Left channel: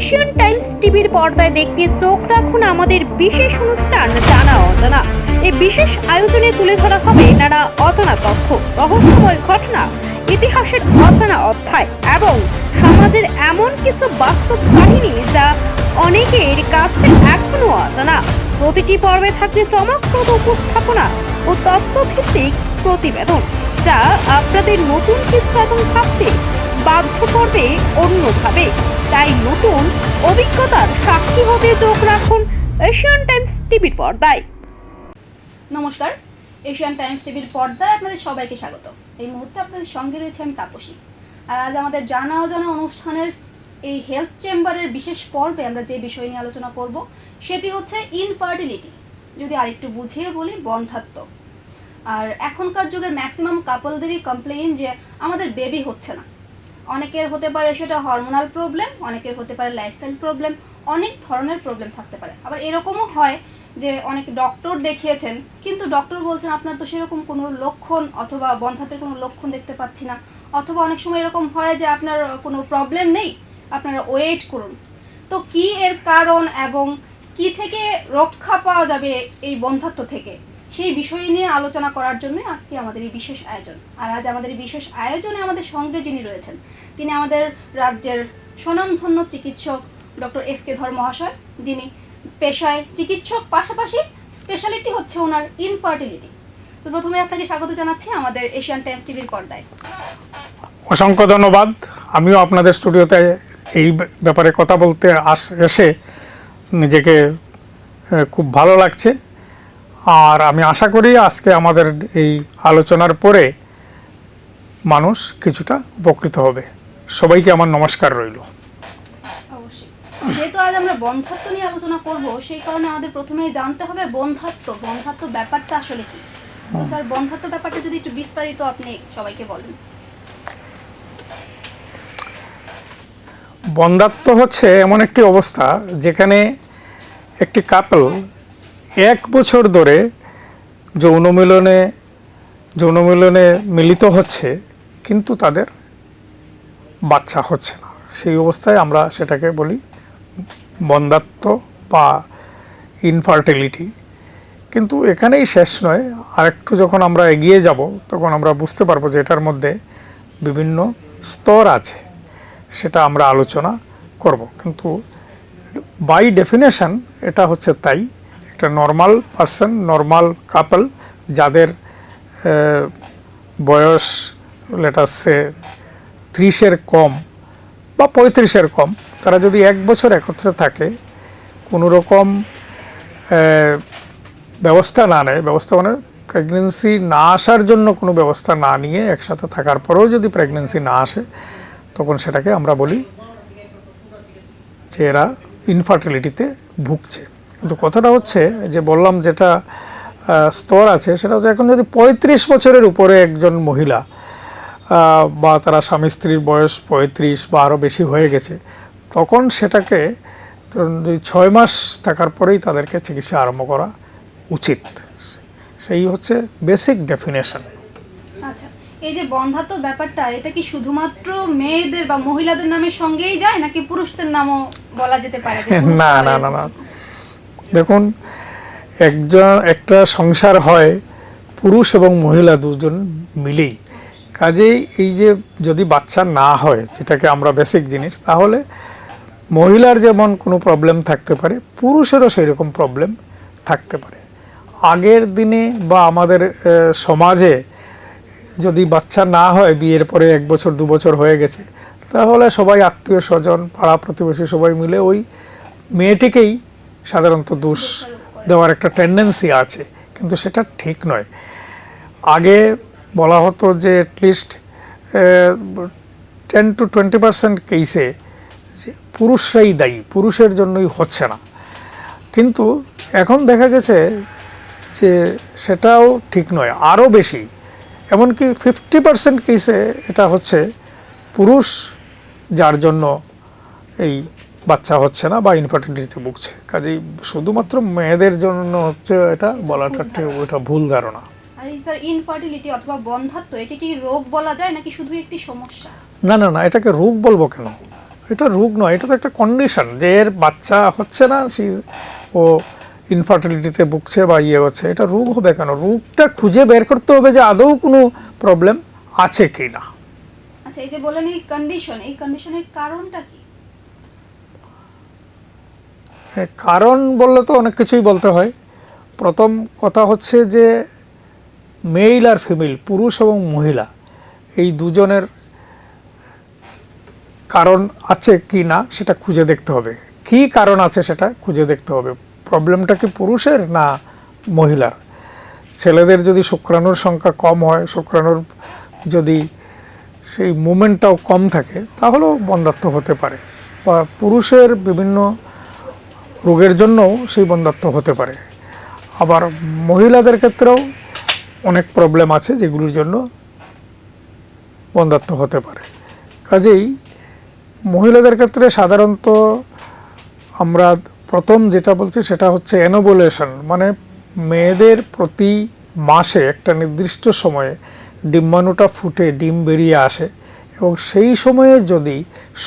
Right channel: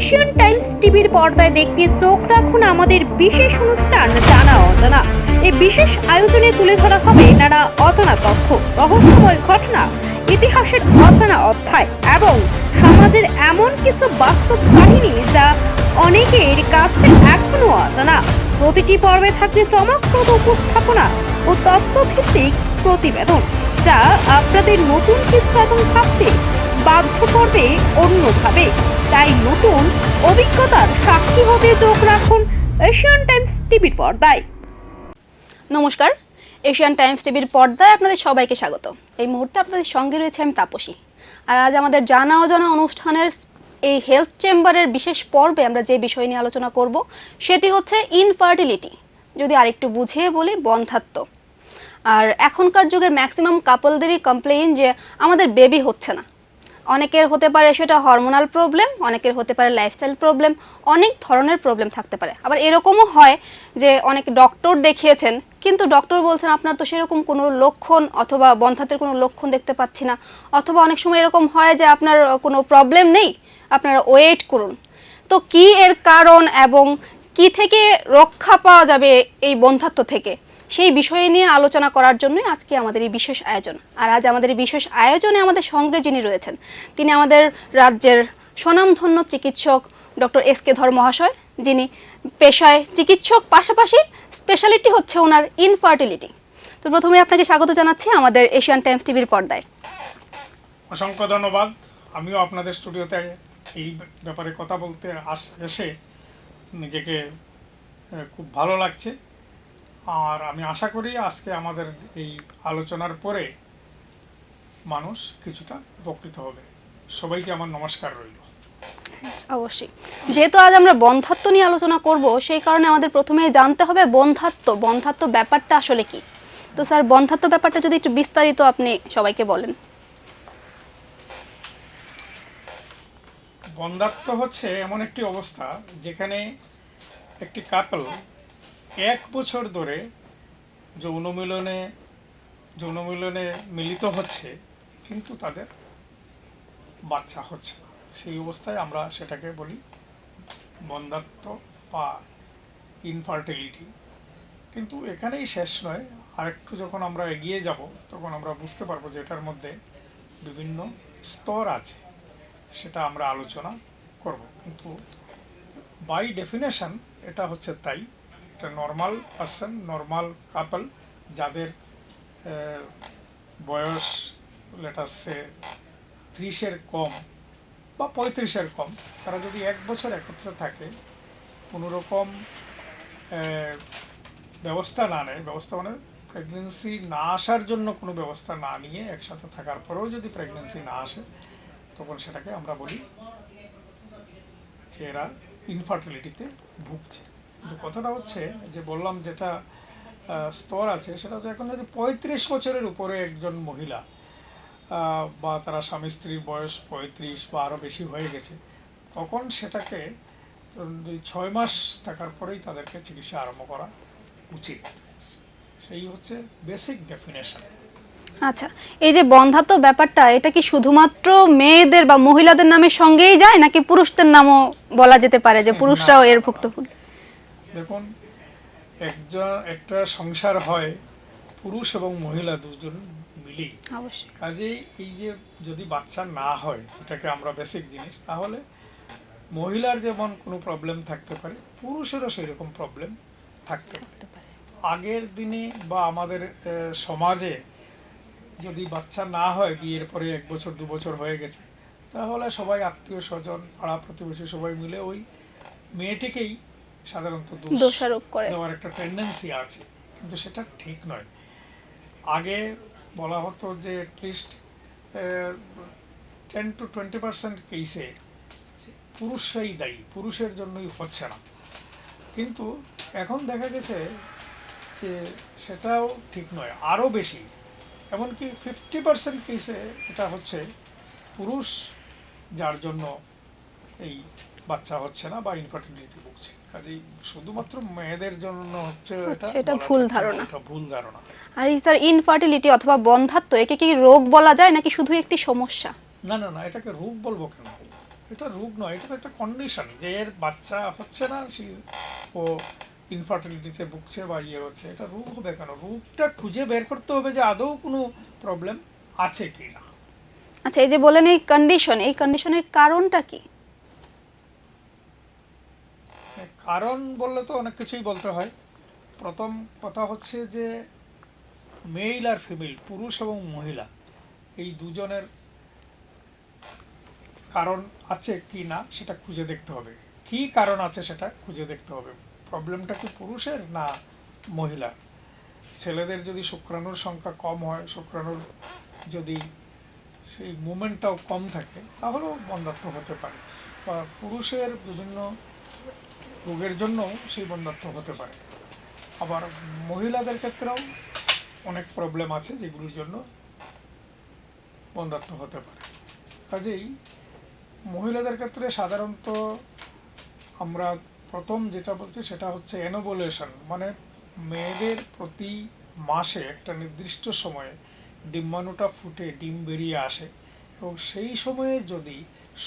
Asian Times টিভির পর্দায় দেখতে চোখ রাখুন আমাদের বিশেষ অনুষ্ঠান জানা অজানা। এই বিশেষ আয়োজনে তুলে ধরা হবে নানা অজানা তথ্য, রহস্যময় ঘটনা, ইতিহাসের অজানা অধ্যায় এবং সমাজের এমন কিছু বাস্তব কাহিনী যা অনেকের কাছে এখনো অজানা। প্রতিটি পর্বে থাকবে চমকপ্রদ উপস্থাপনা ও তথ্যভিত্তিক প্রতিবেদন, যা আপনাদের নতুন কিছু এবং ভাবতে বাধ্য করবে অন্যভাবে। তাই নতুন অভিজ্ঞতার সাক্ষী হতে চোখ রাখুন এশিয়ান টাইমস টিভির পর্দায়। নমস্কার, এশিয়ান টাইমস টিভির পর্দায় আপনাদের সবাইকে স্বাগত। এই মুহূর্তে আপনাদের সঙ্গে রয়েছে আমি তাপসী। আর আজ আমাদের জানা অজানা অনুষ্ঠানের এই হেলথ চেম্বারের বিশেষ পর্বে আমরা যে বিষয় নিয়ে আলোচনা করব সেটি হচ্ছে ইনফার্টিলিটি, যদি আরেকটু বুঝিয়ে বলি বন্ধ্যাত্ব। আর এখনকার যুগের ম্যাক্সিমাম কাপলদেরই কমপ্লেইন যে আমাদের বেবি হচ্ছে না। অনেকের হতে পারে সেটা হরমোনাল প্রবলেম, অনেকের হতে পারে লাইফস্টাইল প্রবলেম, অনেক ধরনের প্রবলেম থাকতে পারে। আবার এরকমও হয় যে অনেক ডক্টর দেখিয়েছেন কিন্তু ডক্টর বলছেন আপনার তো সেরকম কোনো লক্ষণ অথবা বন্ধ্যাত্বের কোনো লক্ষণ দেখতে পাচ্ছি না, অথবা অনেক সময় এরকম হয় যে আপনার কোনো প্রবলেম নেই, আপনারা ওয়েট করুন। তো কি এর কারণ এবং কি থেকে রক্ষা পাওয়া যাবে এই বন্ধ্যাত্ব থেকে, সেই বিষয় নিয়ে আলোচনা করার জন্যই আজকে আমাদের এই বিশেষ আয়োজন। আর আজ আমাদের এই বিশেষ আয়োজনে আমাদের সঙ্গে যিনি রয়েছেন তিনি আমাদের রাজ্যের স্বনামধন্য চিকিৎসক ডক্টর এস.কে. ধর মহাশয়, যিনি পেশায় চিকিৎসক, পাশাপাশি স্পেশালিটি হচ্ছে ওনার ইনফার্টিলিটি। তো প্রথমে আপনাকে স্বাগত জানাচ্ছি আমাদের এশিয়ান টাইমস টিভির পর্দায়। অসংখ্য ধন্যবাদ। আমিও আপনাদের স্টুডিওতে এই ব্যাপারে কথা বলতে এসে নিজেকে খুব ভালো লাগছে। আর আমি আশা করি আজকে আমাদের এই আলোচনার পরে মানুষ কিছুটা উপকৃত হবে। সবাইকে আমার নমস্কার রইল। অবশ্যই, যেহেতু আজ আমরা বন্ধ্যাত্ব নিয়ে আলোচনা করব সেই কারণে আমাদের প্রথমেই জানতে হবে বন্ধ্যাত্ব ব্যাপারটা আসলে কি। তো স্যার, বন্ধ্যাত্ব ব্যাপারটা যদি একটু বিস্তারিত আপনি সবাইকে বলেন। বন্ধ্যাত্ব হচ্ছে এমন একটি অবস্থা যেখানে একটি কাপল 1 বছর ধরে যৌনমিলনে মিলিত হচ্ছে কিন্তু তাদের বাচ্চা হচ্ছে না। সেই অবস্থায় আমরা সেটাকে বলি বন্ধ্যাত্ব বা ইনফার্টিলিটি। কিন্তু এখানেই শেষ নয়, আরেকটু যখন আমরা এগিয়ে যাব তখন আমরা বুঝতে পারবো যে এটার মধ্যে বিভিন্ন স্তর আছে, সেটা আমরা আলোচনা করব। কিন্তু বাই ডেফিনেশন এটা হচ্ছে তাই, একটা নর্মাল পারসন, নর্মাল কাপল যাদের বয়স লেটাসে 30-এর কম বা 35-এর কম, তারা যদি 1 বছর একত্রে থাকে, কোনো রকম ব্যবস্থা না নেয়, ব্যবস্থা মানে প্রেগনেন্সি না আসার জন্য কোনো ব্যবস্থা না নিয়ে একসাথে থাকার পরেও যদি প্রেগনেন্সি না আসে, তখন সেটাকে আমরা বলি যে এরা ইনফার্টিলিটিতে ভুগছে। কিন্তু কথাটা হচ্ছে যে বললাম যেটা স্তর আছে, সেটা হচ্ছে এখন যদি 35 বছরের উপরে একজন মহিলা বা তারা স্বামী স্ত্রীর বয়স 35 বা আরও বেশি হয়ে গেছে, তখন সেটাকে ধরুন 6 মাস থাকার পরেই তাদেরকে চিকিৎসা আরম্ভ করা উচিত। সেই হচ্ছে বেসিক ডেফিনেশন। আচ্ছা, এই যে বন্ধ্যাত্ব ব্যাপারটা, এটা কি শুধুমাত্র মেয়েদের বা মহিলাদের নামের সঙ্গেই যায় নাকি পুরুষদের নামও বলা যেতে পারে যে পুরুষরাও এর ভুক্ত? দেখুন, একটা সংসার হয় পুরুষ এবং মহিলা দুজন মিলেই। কাজেই এই যে যদি বাচ্চা না হয়, যেটাকে আমরা বেসিক জিনিস, তাহলে মহিলার যেমন কোনো প্রবলেম থাকতে পারে, পুরুষেরও সেই রকম প্রবলেম থাকতে পারে। আগের দিনে বা আমাদের সমাজে যদি বাচ্চা না হয়, বিয়ের পরে 1 বছর 2 বছর হয়ে গেছে, তাহলে সবাই আত্মীয় স্বজন, পাড়া প্রতিবেশী সবাই মিলে ওই মেয়েটিকেই সাধারণত দোষ দেওয়ার একটা টেন্ডেন্সি আছে, কিন্তু সেটা ঠিক নয়। আগে বলা হতো যে অ্যাটলিস্ট 10 to 20% কেসে যে পুরুষরাই দায়ী, পুরুষের জন্যই হচ্ছে না। কিন্তু এখন দেখা গেছে যে সেটাও ঠিক নয়, আরও বেশি, এমনকি 50% কেসে এটা হচ্ছে পুরুষ যার জন্য এই বাচ্চা হচ্ছে না বা ইনফার্টিলিটিতে ভুগছে। কাজেই শুধুমাত্র মেয়েদের জন্য হচ্ছে এটা বলাটা ওটা ভুল ধারণা। আর এই স্যার, ইনফার্টিলিটি অথবা বন্ধ্যাত্ব, একে কি রোগ বলা যায় নাকি শুধু একটি সমস্যা? না, এটাকে রোগ বলবো কেন? এটা রোগ নয়, এটা তো একটা কন্ডিশন যে এর বাচ্চা হচ্ছে না, ও ইনফার্টিলিটিতে ভুগছে বা ইয়ে হচ্ছে, এটা রোগ হবে কেন? রোগটা খুঁজে বের করতে হবে যে আদৌ কোনো প্রবলেম আছে কি না। আচ্ছা, এই যে বলেন এই কন্ডিশনের কারণটা কি? কারণ বললে তো অনেক কিছুই বলতে হয়। প্রথম কথা হচ্ছে যে মেল আর ফিমেল, পুরুষ এবং মহিলা, এই দুজনের কারণ আছে কি না সেটা খুঁজে দেখতে হবে। কি কারণ আছে সেটা খুঁজে দেখতে হবে। প্রবলেমটা কি পুরুষের না মহিলার? ছেলেদের যদি শুক্রাণুর সংখ্যা কম হয়, শুক্রাণুর যদি সেই মুভমেন্টটাও কম থাকে, তাহলেও বন্ধ্যাত্ব হতে পারে। বা পুরুষের বিভিন্ন রোগের জন্যও সেই বন্ধ্যাত্ব হতে পারে। আবার মহিলাদের ক্ষেত্রেও অনেক প্রবলেম আছে যেগুলির জন্য বন্ধ্যাত্ব হতে পারে। কাজেই মহিলাদের ক্ষেত্রে সাধারণত আমরা প্রথম যেটা বলছি সেটা হচ্ছে অ্যানোভুলেশন, মানে মেয়েদের প্রতি মাসে একটা নির্দিষ্ট সময়ে ডিম্বাণুটা ফুটে ডিম বেরিয়ে আসে, এবং সেই সময়ে যদি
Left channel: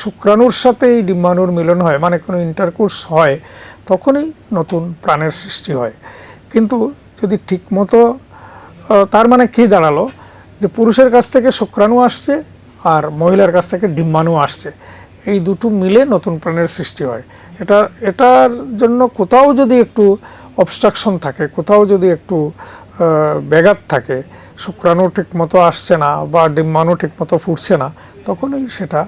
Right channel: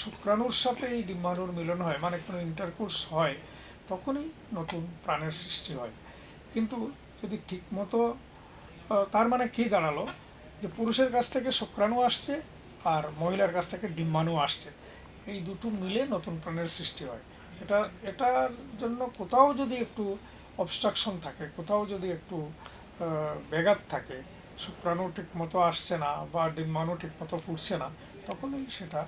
শুক্রাণুর সাথে এই ডিম্বাণুর মিলন হয়, মানে কোনো ইন্টারকোর্স হয়, তখনই নতুন প্রাণের সৃষ্টি হয়। কিন্তু যদি ঠিকমতো, তার মানে কি দাঁড়ালো যে পুরুষের কাছ থেকে শুক্রাণু আসছে আর মহিলার কাছ থেকে ডিম্বাণু আসছে, এই দুটো মিলে নতুন প্রাণের সৃষ্টি হয়। এটার জন্য কোথাও যদি একটু অবস্ট্রাকশন থাকে, কোথাও যদি একটু ব্যাঘাত থাকে, শুক্রাণু ঠিক মতো আসছে না বা ডিম্বাণু ঠিক মতো ফুটছে না, তখনই সেটা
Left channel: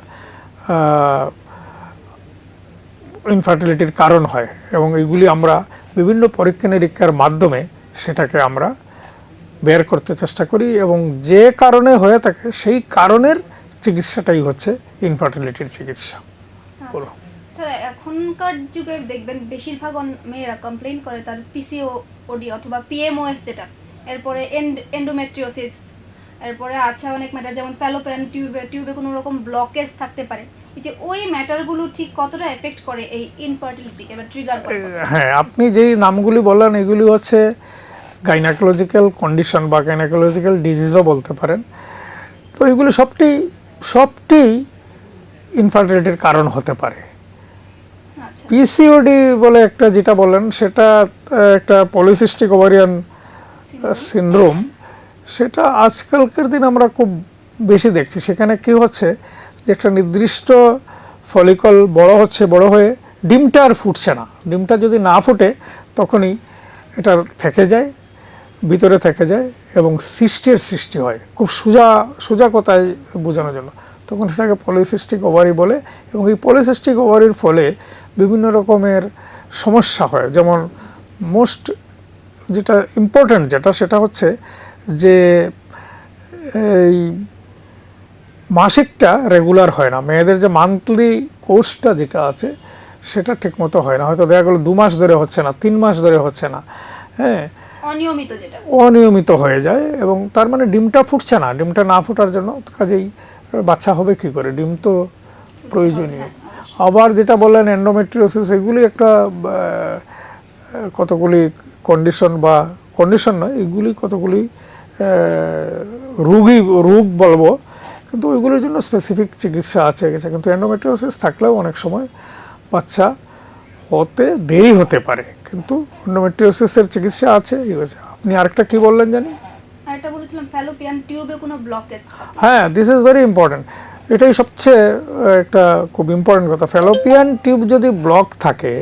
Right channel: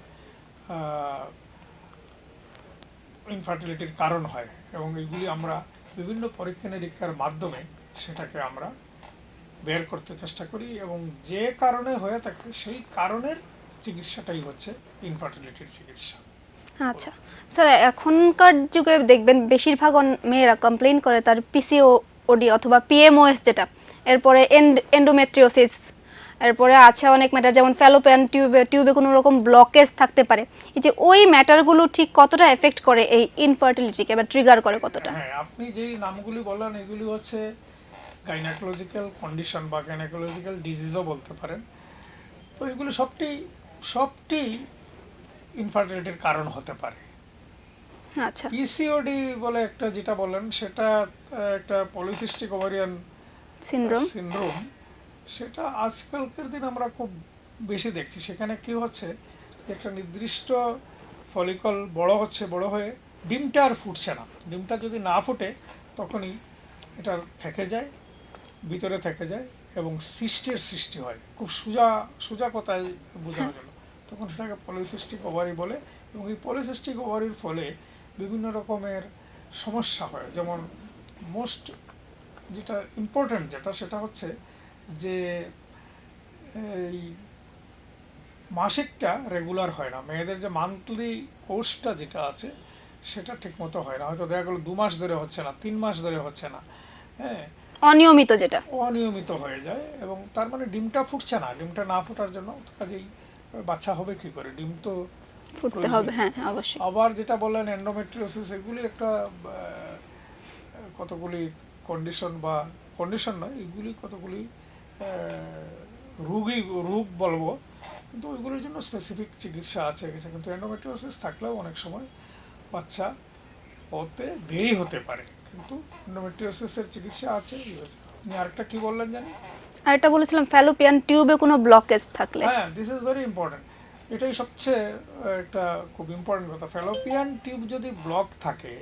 ইনফার্টিলিটির কারণ হয়। এবং এইগুলি আমরা বিভিন্ন পরীক্ষা নিরীক্ষার মাধ্যমে সেটাকে আমরা বের করতে চেষ্টা করি, এবং যে কারণে হয়ে থাকে সেই কারণের চিকিৎসাটাই হচ্ছে ইনফার্টিলিটির চিকিৎসা। আচ্ছা স্যার, এখনকার যুগে দেখবেন বেশিরভাগ মেয়েরা কমপ্লেইন করে তার পিসিওডি অথবা পিএমওএস, যেটা এরপরে এন্ডোমেট্রিওসিস, এরপরে আছে অনেক ম্যাটার যেমন ফ্যালোপিয়ান টিউবে কোনো রকম ব্লকেজ থাকতে পারে। এই যে ওই ম্যাটারগুলো ঠিক কতটা এফেক্ট করে এই ইনফার্টিলিটিকে বা ট্রিগার করে কতটা? হ্যাঁ, আপনি যেই নামগুলি বললেন এগুলি হচ্ছে গাইনাকোলজিক্যাল কন্ডিশন বা গাইনাকোলজিক্যাল ডিজিজও বলতে পারেন। তো এগুলি সবটি ইনফার্টিলিটির কারণ হতে পারে। আচ্ছা, পিসিওডি বলে একটা যেটা বলেন, সেটা একটা পলিসিস্টিক ওভারিয়ান সিনড্রোম। সেটা আজকালকার দিন আমরা খুব বেশি দেখছি। সেখানে কি হচ্ছে যে একটা নির্দিষ্ট ফলিকল বড় হচ্ছে, বড় হয়ে ডিমটা আর ফুটছে না। ডিমটা যদি না ফুটে তখনই এটা থেকে যায়, ভিতরে থেকে যায় এবং সিস্টের সৃষ্টি হয়। খুব সোজা কথায় বোঝানোর জন্য তখন সেটাকে পলিসিস্টিক ওভারি বলে। এবং এই পলিসিস্টিক ওভারির ফলে বিভিন্ন রকমের সমস্যা হয়। যেমন মোস্ট যেটা ইম্পর্ট্যান্ট সেটা হচ্ছে যে এই মাসিকটা রেগুলার হয় না। মেয়েদের যে মান্থলি কোর্সটা যেটা আছে সেটা ঠিকমতো হয় না। হয়তো দেখা গেলো 2 মাস ধরে হচ্ছে না, 3 মাস ধরে হচ্ছে না, হ্যাঁ, অনিয়মিত হয়ে যায়। এবং তার মানে ডিমটা ফুটছে না। ডিমটা না ফোটার জন্য কাজেই বাচ্চা হবে কি করে? ডিম তো প্রয়োজনীয়। আবার যেটা বললেন এন্ডোমেট্রিওসিস, এগুলি একটা কতগুলি কন্ডিশন নয়, এগুলি কতগুলি রোগ বলবো, কিন্তু ওইগুলোর জন্য স্পেসিফিক চিকিৎসা আছে। কিন্তু এন্ডোমেট্রিওসিস থাকলেও অনেক সময় বাচ্চা হতে দেরি হতে পারে, কিন্তু এন্ডোমেট্রিওসিসের চিকিৎসা আছে। আপনি আরেকটা কি বললেন জানি? আরেকটা বলেছিলাম ফ্যালোপিয়ান টিউবে কোনো ব্লকেজ থাকলে। হ্যাঁ, দিস ইজ ভেরি ইম্পর্টেন্ট। এটাই সবচেয়ে একটা খুব ইম্পর্টেন্ট কথা। ফ্যালোপিয়ান টিউব যদি ব্লক থাকে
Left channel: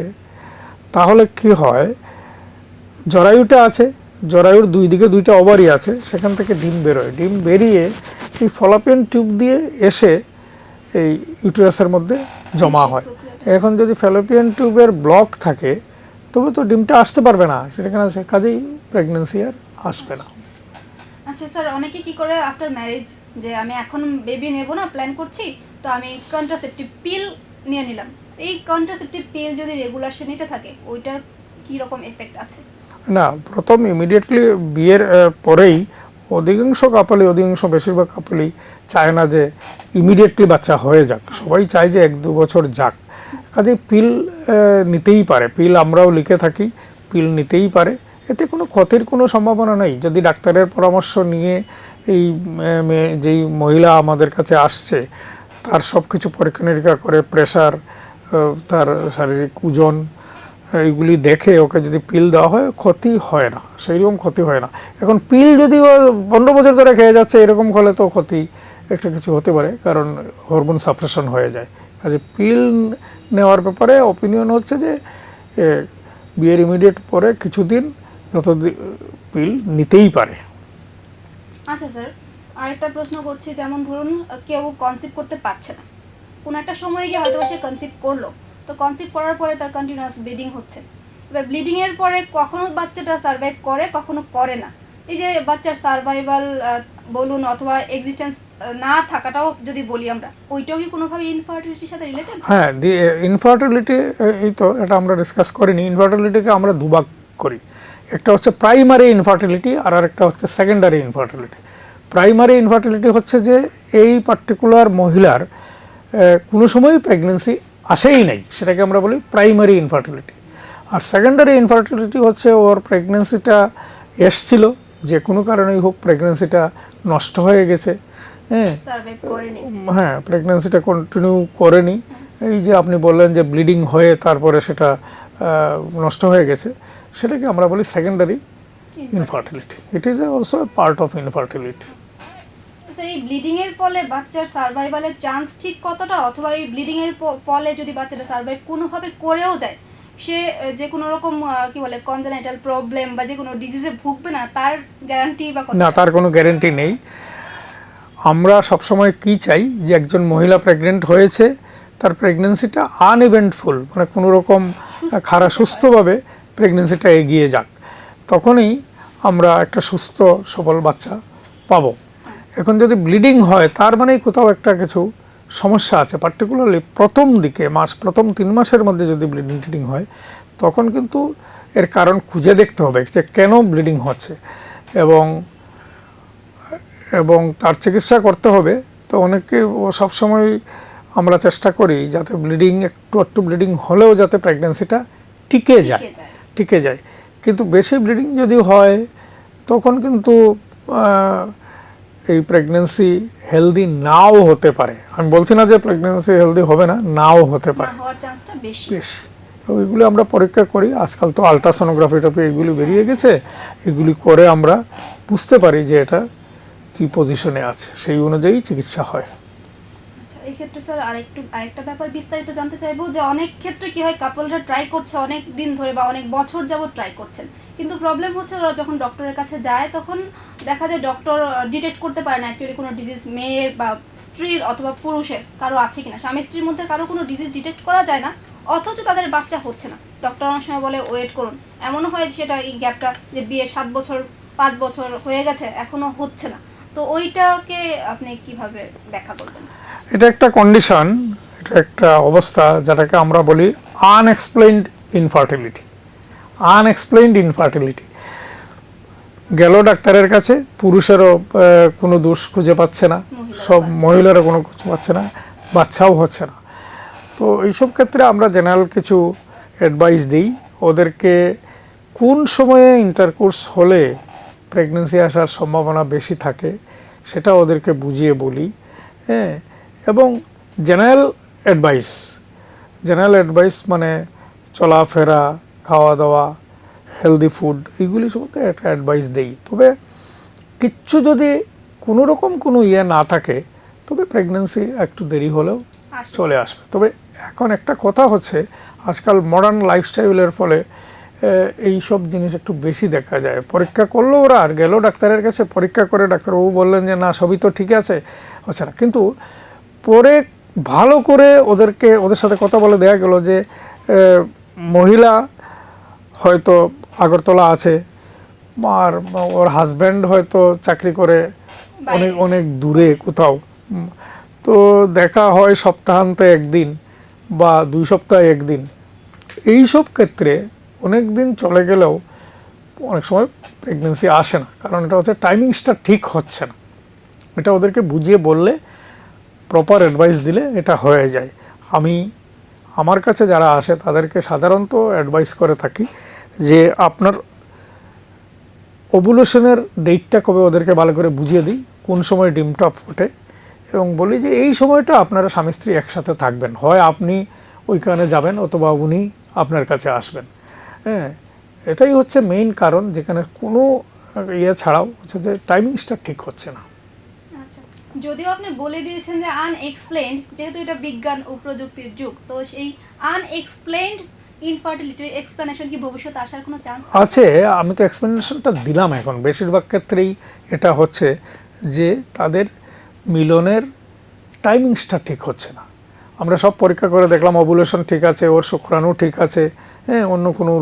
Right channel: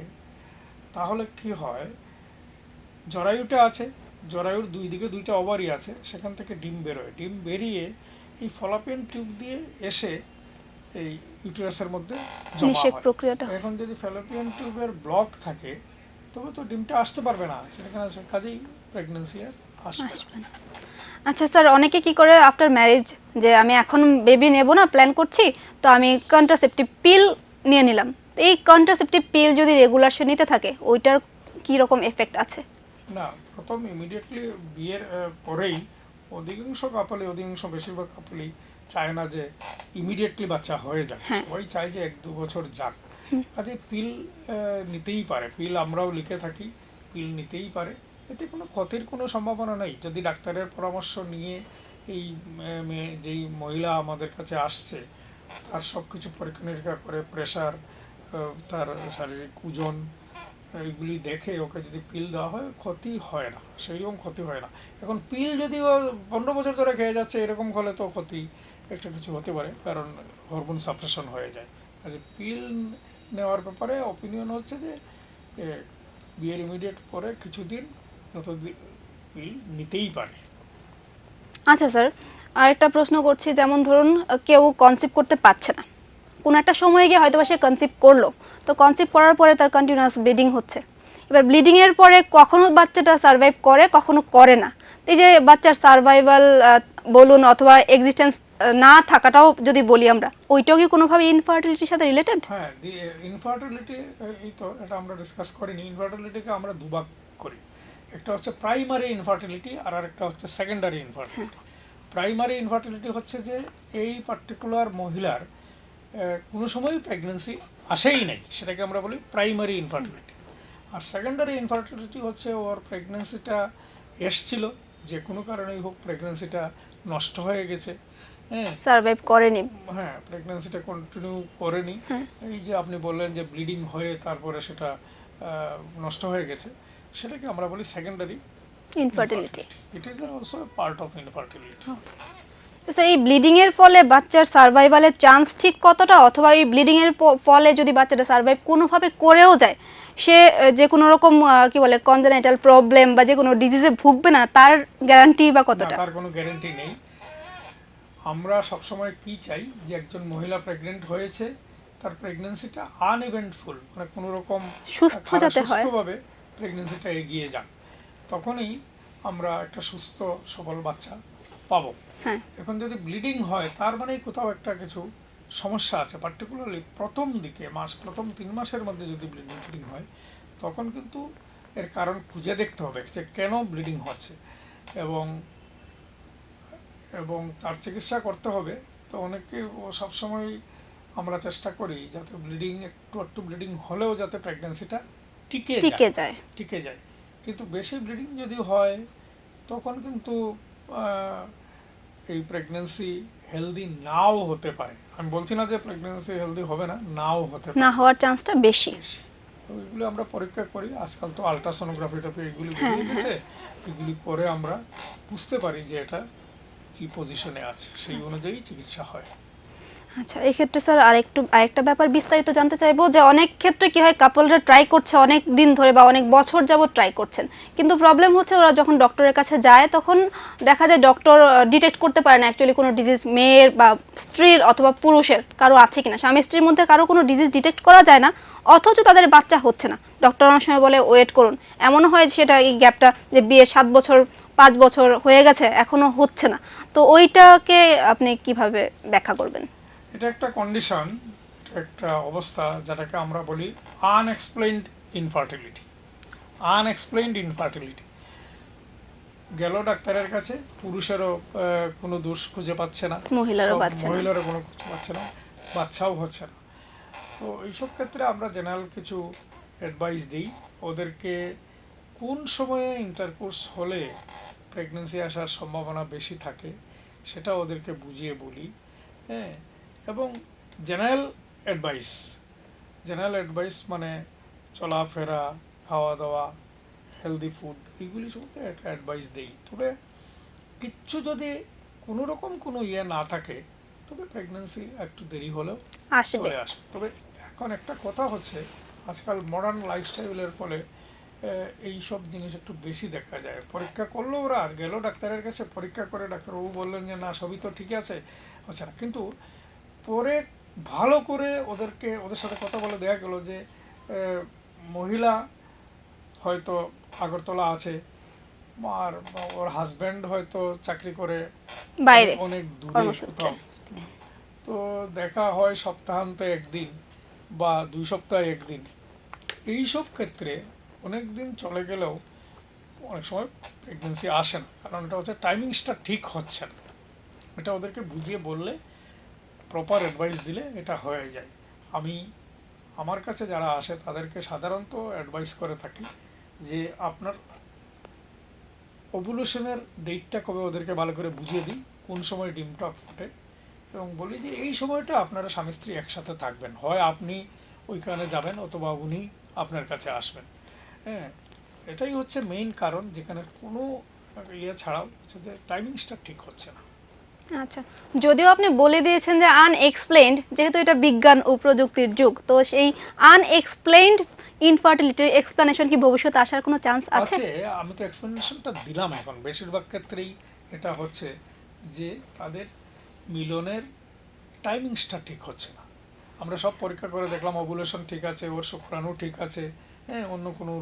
তাহলে কি হয়, জরায়ুটা আছে, জরায়ুর 2 দিকে 2টা ওভারি আছে, সেখান থেকে ডিম বেরোয়। ডিম বেরিয়ে এই ফ্যালোপিয়ান টিউব দিয়ে এসে এই ইউটেরাসের মধ্যে জমা হয়। এখন যদি ফ্যালোপিয়ান টিউবের ব্লক থাকে তবে তো ডিমটা আসতে পারবে না সেখানে, কাজেই প্রেগন্যান্সি আর আসবে না। আচ্ছা স্যার, অনেকে কি করে আফটার ম্যারেজ, যে আমি এখন বেবি নেব না, প্ল্যান করছি, তো আমি কন্ট্রাসেপটিভ পিল নিয়ে নিলাম। এই কন্ট্রাসেপটিভ পিল যদি রেগুলার সে নিতে থাকে, ওইটার কি রকম এফেক্ট আছে? না, প্রথম ইমিডিয়েটলি বিয়ের পরেই বেশিরভাগ কাপলই চায় না যে ইমিডিয়েটলি বাচ্চা হয়ে যাক। সবাই চায় যে 1-2 বছর যাক। কাজে পিল নিতেই পারে। পিল আমরাও লিখে থাকি, পিল নিতেই পারে। এতে কোনো ক্ষতির কোনো সম্ভাবনা নেই যদি ডাক্তারের পরামর্শ নিয়ে যেই মহিলা আমাদের কাছে আসছে তার সব কিছু পরীক্ষা নিরীক্ষা করে, প্রেশার, তার শারীরিক ওজন, এইগুলি দেখে ওকে যদি পিল দেওয়া হয় ক্ষতি হয় না, সেই রকম ক্ষতি হয় না। এখন পিল যদি ও 15 বছর ধরে খেয়ে যাচ্ছে এরকম হলে তো ক্ষতি একটা কিছু হতে পারে, কারণ হরমোন সাপ্রেশন হয়ে যায়। কাজে পিল নেওয়ার ব্যাপারে অপিনিয়ন হচ্ছে যে বিয়ের ইমিডিয়েট পরে কিছুদিন পিল নিতেই পারে। আচ্ছা স্যার, আরেকটা প্রশ্ন করছি, যেমন ধরুন কেউ কনসিভ করতে পারছে না, কোনো একটা সময় গিয়ে হয়তো সে কনসিভ করলো, তো কনসিভ করার পরে তার কন্টিনিউয়াস ব্লিডিং হচ্ছে। এবার ব্লিডিং এর পরে কখনো বাচ্চাটা সার্ভাইভ করে, কখনো করে না। এই যে বাচ্চার সার্ভাইভাল বলুন অথবা এক্সিস্টেন্স না থাকাটাও যদি বলি আমরা, ওইটাও কি কোনোভাবে ইনফার্টিলিটির সাথে রিলেটেড? হ্যাঁ, ইনফার্টিলিটি, এই তো এটা আমরা ডিসকাস করিনি। ইনফার্টিলিটিকে আমরা দুভাগ করি, একটা হচ্ছে প্রাইমারি ইনফার্টিলিটি আর একটা হচ্ছে সেকেন্ডারি ইনফার্টিলিটি। প্রাইমারি ইনফার্টিলিটি হচ্ছে যে এই পার্টিকুলার মহিলার কোনো সময়ই প্রেগনেন্সি আসেই নাই, সেটাকে আমরা বলি প্রাইমারি ইনফার্টিলিটি। আর সেকেন্ডারি ইনফার্টিলিটি হচ্ছে ওর প্রেগনেন্সিটা এসছিল, যে কোনো কারণেই হোক প্রেগনেন্সিটা নষ্ট হয়ে গেছে, সার্ভাইভ করেনি, হ্যাঁ, প্রেগনেন্সিটা কন্টিনিউ করেনি। এই যে আপনি বললেন যে ব্লিডিং হয়ে তারপরে সেটা নষ্ট হয়ে গেছে, সেটাকে আমরা বলি secondary infertility. It is also a part of infertility. এই ব্লিডিং এর ফলে বাচ্চার সার্ভাইভালের চান্স ঠিক কতটা, অথবা এই ব্লিডিং এর ফলে যদি বাচ্চাটা সার্ভাইভ কোনোভাবে করেও যায়, সে যে কোনো রকম কি বলে কনজেনাইটাল প্রবলেম বা যে কোনো ডিজিজে ভুগবে না, তার গ্যারান্টি বা কতটা? না, তার কোনো গ্যারান্টি নেই। আমরা সবসময় কি চাই যে একজন মহিলা প্রেগনেন্ট হয়েছে, তার প্রেগনেন্সিটা আনইভেন্টফুল, মানে কোনো রকম খারাপ সুস্থভাবে প্রেগনেন্সিটা এগিয়ে যাক, তখনই আমরা একটা সুস্থ সবল বাচ্চা পাবো। এখন যদি ব্লিডিং হয় তার মানে কোথাও একটা কিছু সমস্যা আছে, পার্টিকুলারলি প্রথম দিকে প্রথম 3 মাসের মধ্যে যদি ব্লিডিং টিডিং হয়, তখন কিন্তু এর কারণ খুঁজে দেখতে হবে যে কেন ব্লিডিং হচ্ছে, এবং তার চিকিৎসা করতে হবে। তো অনেকে সবসময় আমরা চেষ্টা করি যাতে ব্লিডিং একটু ব্লিডিং হলেও যাতে প্রেগনেন্সিটা টিকে যায়। কিন্তু বেশি ব্লিডিং যদি হয় তখন কিন্তু এই প্রেগনেন্সি হেলদি নাও হতে পারে। আমি বলছি না যে প্রেগনেন্সি হেলদি হবে না, নাও হতে পারে, না হওয়ার চান্সটা বেশি। ওইগুলো আমরা পরীক্ষা করি। আজকাল তো আলট্রাসোনোগ্রাফি এগুলি বেরিয়ে গেছে, এগুলি করে আমরা বুঝতে পারি যে এটা কি পজিশনে আছে, সেই অনুযায়ী চিকিৎসা হয়। আচ্ছা, এই ক্ষেত্রে স্যার আরেকটা ব্যাপার বিস্তারিত জানতে চাইবো, যে অনেক ক্ষেত্রে কি হয়, কাপলরা ট্রাই করছে অনেক দিন ধরে বা অনেক বছর যাবত ট্রাই করছেন, কিন্তু প্রবলেম হচ্ছে ওরা যখন ডক্টরের কাছে যায় তখন দেখা যায় ডক্টর ডিটেক্ট করতে পারে না অ্যাকচুয়ালি কোনো ডিজিজ মেয়ের বা স্ত্রীর অথবা পুরুষের কারো আছে কিনা। স্বামী স্ত্রীর মধ্যে কারো কোনো ডিজিজ ডিটেক্ট করা যায় না, অথচ তাদের বাচ্চা হচ্ছে না। ডক্টর অনেক সময় বলে ওয়েট করুন, এমনও হয় সেটা এই গ্যাপটা যে বিয়ে 7 বছর 5 বছর হয়ে গেছে এখনো হচ্ছে না। তো ওইটাকে আপনি কিভাবে ব্যাখ্যা করবেন? এটা একটা কন্ডিশন, এটা একটা অবস্থা যেটাকে আমরা বলি আনএক্সপ্লেইনড ইনফার্টিলিটি। গেল ডাক্তারের কাছে, পুরুষেরও কোনো দোষ খুঁজে পাচ্ছে না, সব মহিলারও কোনো কিছু পাচ্ছে না, বাচ্চাও হচ্ছে না। তো এইসব ক্ষেত্রে আমরা জেনারেল কিছু অ্যাডভাইস দিই ওদেরকে, কোন সময়ে ইন্টারকোর্স হলে প্রেগনেন্সি আসার সম্ভাবনা বেশি থাকে সেটা ওদেরকে বুঝিয়ে বলি, হ্যাঁ। এবং জেনারেল অ্যাডভাইস মানে চলাফেরা, খাওয়া দাওয়া, হেলদি ফুড, এইগুলি সম্বন্ধে একটা অ্যাডভাইস দেই। তবে কিচ্ছু যদি কোনো রকম কোনো না থাকে, তবে প্রেগনেন্সি একটু দেরি হলেও চলে আসবে। তবে এখন একটা কথা হচ্ছে, আজকাল মডার্ন লাইফস্টাইলের ফলে এই সব জিনিস একটু বেশি দেখা যায়। পরীক্ষা করলো ওরা, আর গেল ডাক্তারের কাছে, পরীক্ষা করে ডাক্তারবাবু বললেন যে না সবই তো ঠিক আছে, হচ্ছে না। কিন্তু পরে ভালো করে ওদের সাথে কথা বলে দেয়া গেল যে মহিলা হয়তো আগরতলা আছে, আর ওর হাজব্যান্ড হয়তো চাকরি করে অনেক দূরে কোথাও, তো দেখা হয় সপ্তাহান্তে একদিন বা 2 সপ্তাহে একদিন। এইসব ক্ষেত্রে অনেক দিন চলে গেলেও অনেক সময় প্রেগনেন্সি আসে না, কারণ এটা হচ্ছে টাইমিংসটা ঠিক হচ্ছে না। এটা ওদেরকে বুঝিয়ে বললে, প্রপার অ্যাডভাইস দিলে এটা হয়ে যায়। আমার কাছে যারা আসে তাদেরকে সাধারণত অ্যাডভাইস করে থাকি যে আপনার ওভুলেশনের ডেটটা কবে ওদেরকে ভালো করে বুঝিয়ে দিই, কোন সময় ডিমটা ফোটে, এবং বলি যে এই সময়টা আপনারা স্বামী স্ত্রী একসাথে থাকবেন, হয় আপনি ওইখানে যাবেন অথবা উনি আপনার কাছে আসবেন। হ্যাঁ, এটাই হচ্ছে মেইন কারণ, যেখানে কোনো ইয়ে ছাড়াও হচ্ছে যে টাইমিংসটা ঠিক হচ্ছে না। আচ্ছা, যদিও আপনি বলে দিয়েছেন যে আনএক্সপ্লেইনড, যেহেতু এটা বিজ্ঞান ও প্রযুক্তির যুগ, তো সেই আনএক্সপ্লেইনড ইনফার্টিলিটির এক্সপ্লেনেশন কি ভবিষ্যতে আসার কোনো চান্স আছে? আছে, আমি তো এক্সপ্লেনেশনটা দিলাম। এখন বেশিরভাগ ক্ষেত্রেই এটা হচ্ছে যে তাদের মিলনের টাইমিংসটা ঠিক হচ্ছে না। আমরা সব পরীক্ষা করে দেখলাম ওভুলেশন ঠিক আছে, ওর শুক্রাণু ঠিক আছে, হ্যাঁ, অন্য কোনো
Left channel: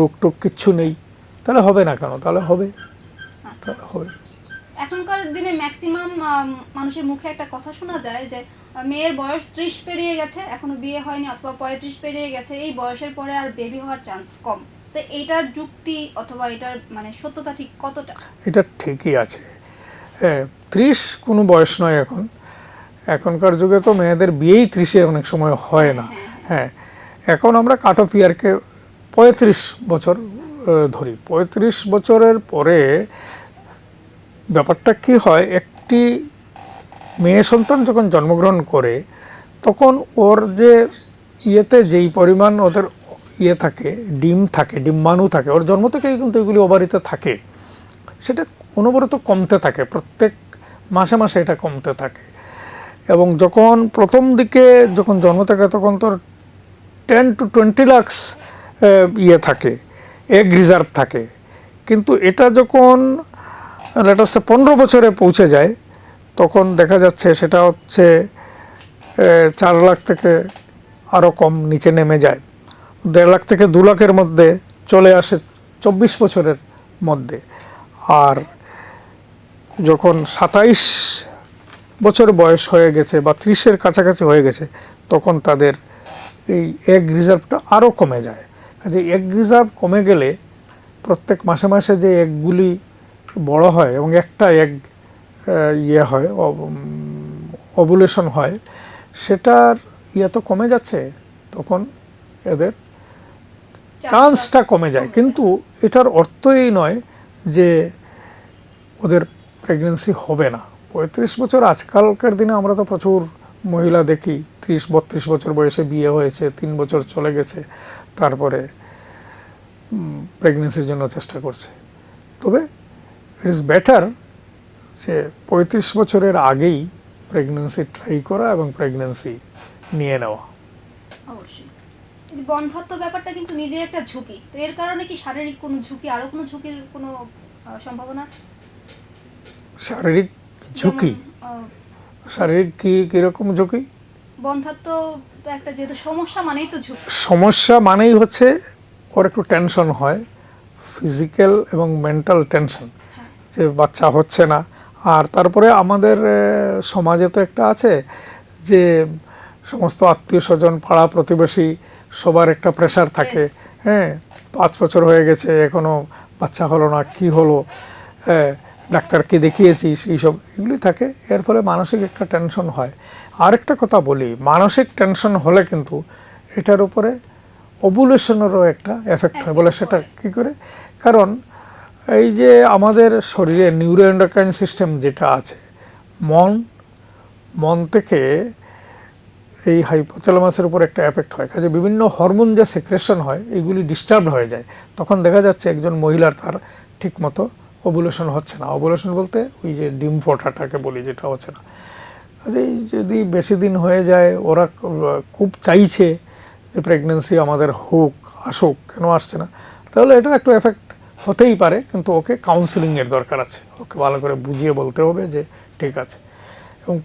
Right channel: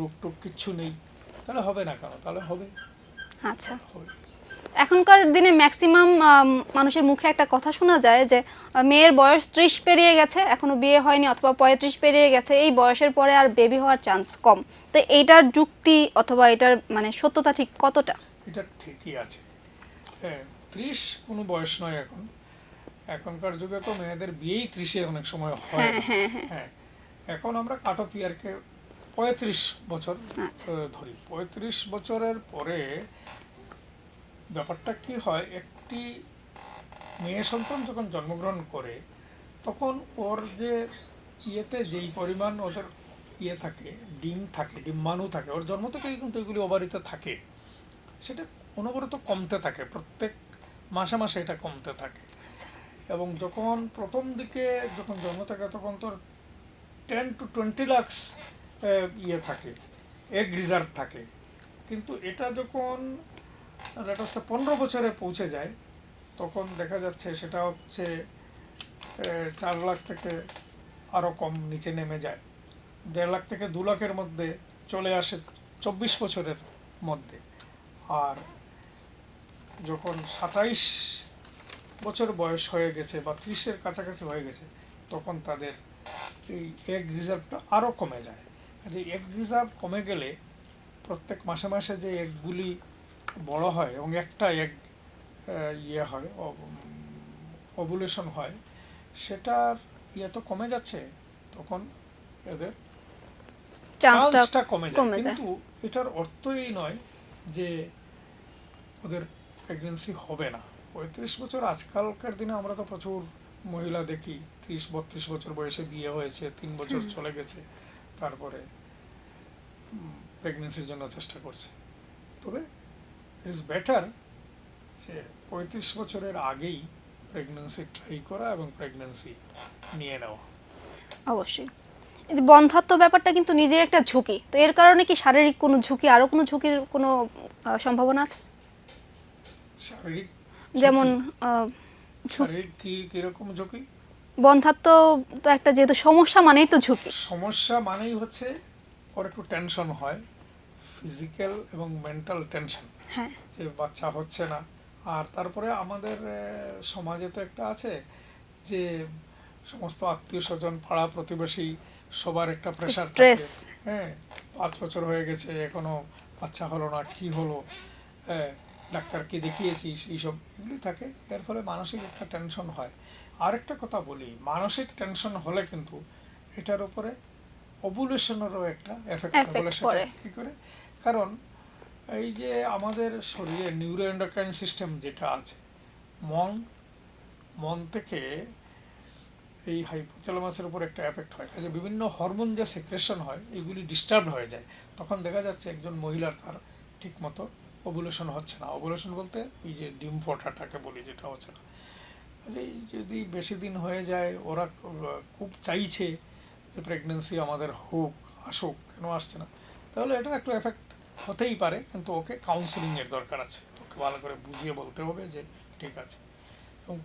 রোগ টোগ কিচ্ছু নেই, তাহলে হবে না কেন? তাহলে হবে, আচ্ছা, তাহলে হবে। এখনকার দিনে ম্যাক্সিমাম মানুষের মুখে একটা কথা শোনা যায় যে মেয়ের বয়স 30 পেরিয়ে গেছে, এখনো বিয়ে হয়নি, অথবা 35 পেরিয়ে গেছে, এই বয়সের পরে আর বেবি হওয়ার চান্স কম। তো এইটার যুক্তি অথবা এটার মানে সত্যতা ঠিক কতটা? এটা ঠিকই আছে। হ্যাঁ, 30 কোনো বয়স নয় এখন। এখনকার যুগে তো মেয়েদের বিয়েই 30-এ অনেক সময় হয় না। হ্যাঁ, এখন আমরা কাট অফ ইয়ারকে 35 বছর ধরি। 35 বছরের পরে ব্যাপারটা কি হয়, একটি মেয়ে সন্তান যখন জন্মগ্রহণ করে তখন ওর যে ইয়েতে যেই পরিমাণ ওদের ইয়ে থাকে, ডিম থাকে, ডিম্বাণু থাকে, ওর জন্ম থেকেই কিন্তু এগুলি ওভারিতে থাকে, সেটা অনবরত কমতে থাকে, প্রত্যেক মাসে মাসে এটা কমতে থাকে। এবং যখন প্রথম দিকে যখন জন্ম থাকে তখন তোর 10 to 20 লাখ ইয়ে থাকে, এগ রিজার্ভ থাকে। কিন্তু এটা যখন লেটাসে 15 বছরে পৌঁছে যায় তখন দেখা যাচ্ছে সেটা হচ্ছে 4 লাখ থেকে আরও কম নিচে নেমে যায়, 1.5 লাখ থেকে 2 লাখের মধ্যে চলে আসে 24 বছরের মধ্যে। আর যখন 27 বছর বয়স হয়ে গেছে বা 30-এর কাছাকাছি হয়ে গেছে তখন তাদের এই এগ রিজার্ভটা আরও কমে যায়। কাজে এগ রিজার্ভ কমে গেলে প্রত্যেক মাসে মাসে যে এগগুলি বড় হয় এবং একটা এগ ইয়ে হয়, ওভুলেশন হয়, সেটার ইয়ে তো কমে যাচ্ছে, তখন এদের চান্সটা কমে যায়। কিন্তু এটার অর্থ এই নয় যে ওদের প্রেগনেন্সি হবে না। 35 বছর, আজকালকার দিনে আমরা তো প্রচুর মহিলা দেখি 30-32 বছর বয়সে বিয়ে হয়েছে, 3 বছর চলে গেছে, তারপরে প্রেগনেন্সির জন্য চেষ্টা করছে। তবে ইট ইজ বেটার যে 35 বছরের আগেই প্রেগনেন্সি ট্রাই করা এবং প্রেগনেন্সি নিয়ে নেওয়া। অবশ্যই। এই যে বন্ধ্যাত্ব ব্যাপারটা কিন্তু নিজে একটা ঝুঁকি, তো এর কারণে কি শারীরিক কোনো ঝুঁকি, আরো কোনো ঝুঁকির কোনো সম্ভাবনা আছে? শারীরিক ঝুঁকি? শারীরিক কিরকম ঝুঁকি? বন্ধ্যাত্ব তো একটা যেহেতু সমস্যা মানেই তো ঝুঁকি। সমস্যা মানেই হচ্ছে ওর একটু টেনশন হয়, ফিজিক্যাল এবং মেন্টাল টেনশন, যে বাচ্চা হচ্ছে না। আর তারপরে আমাদের সমাজে তো একটা আছে যে সমস্ত আত্মীয় স্বজন, পাড়া প্রতিবেশী সবার একটা প্রেশার থাকে। হ্যাঁ, 5 বছর হয়ে গেছে এখনো বাচ্চা হলো না, কি হলো, ডাক্তারকে দেখিয়েছিস, এইসব এগুলি থাকে। এর ফলে মানসিক একটা টেনশন হয়। আরেকটা কথা বলি, মানসিক টেনশন হলে কিন্তু এটার উপরে ওভুলেশনেরও একটা এফেক্ট হয়। বলে সেটা কী করে? কারণ এই যে আমাদের শরীরে নিউরোএন্ডোক্রাইন সিস্টেম যেটা আছে, মন থেকে এই হাইপোথ্যালামাসের উপর একটা এফেক্ট হয়। কাজে বিভিন্ন হরমোন যে সেক্রেশন হয় এগুলি ডিস্টার্ব হয়ে যায়। তখন দেখা যাচ্ছে একজন মহিলার তার ঠিক মতো ওভুলেশন হচ্ছে না। ওভুলেশন বলতে ওই যে ডিম ফোটাটাকে বলি, যেটা হচ্ছে না। কাজেই যদি বেশি দিন হয়ে যায়, ওরা খুব চাইছে যে প্রেগনেন্সি আমাদের হোক, আসুক, কেন আসছে না, তাহলে এটা একটু এফেক্ট হতেই পারে। কিন্তু ওকে কাউন্সিলিংয়ের দরকার আছে, ওকে ভালো করে বুঝিয়ে বলতে হবে যে ঠিক আছে, এবং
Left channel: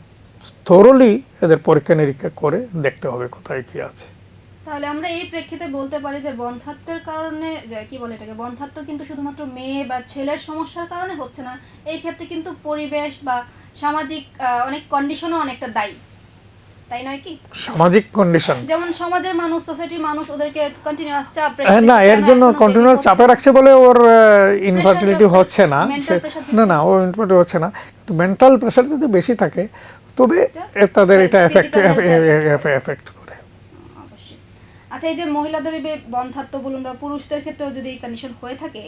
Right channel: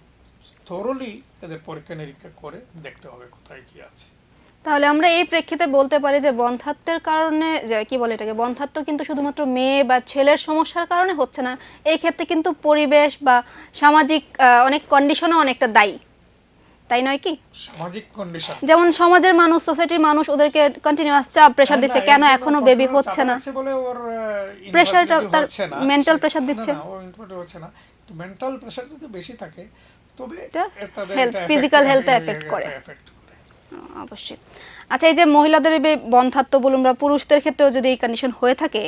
থরলি এদের পরীক্ষা নিরীক্ষা করে দেখতে হবে কোথায় কি আছে। তাহলে আমরা এই প্রেক্ষিতে বলতে পারি যে বন্ধ্যাত্বের কারণে, যে কি বলে এটাকে, বন্ধ্যাত্ব কিন্তু শুধুমাত্র মেয়ে বা ছেলের সমস্যার কারণে হচ্ছে না, এই ক্ষেত্রে কিন্তু পরিবেশ বা সামাজিক অনেক কন্ডিশনও অনেকটা দায়ী, তাই নয় কি? সামাজিক কন্ডিশন, যেমন সমাজের মানুষ, সোসাইটির মানুষ ওদেরকে কন্টিনিউয়াস চাপ, প্রেসার দিচ্ছে, কেন এখনো কন্টিনিউয়াস চাপে রাখছে বলে ওর ইনফার্টিলিটি হচ্ছে না। মেন্টাল প্রেসার দিচ্ছে না, ও ইনফার্টিলিটি হচ্ছে না। কিন্তু মেন্টাল প্রেসার যদি বেশি থাকে তবে তাদের এটা এফেক্ট করে অবশ্যই। আচ্ছা, এই যে মহিলাদের বন্ধ্যাত্ব বলুন বা পুরুষদের ক্ষেত্রেও যদি এই কন্ডিশন হয়ে থাকে,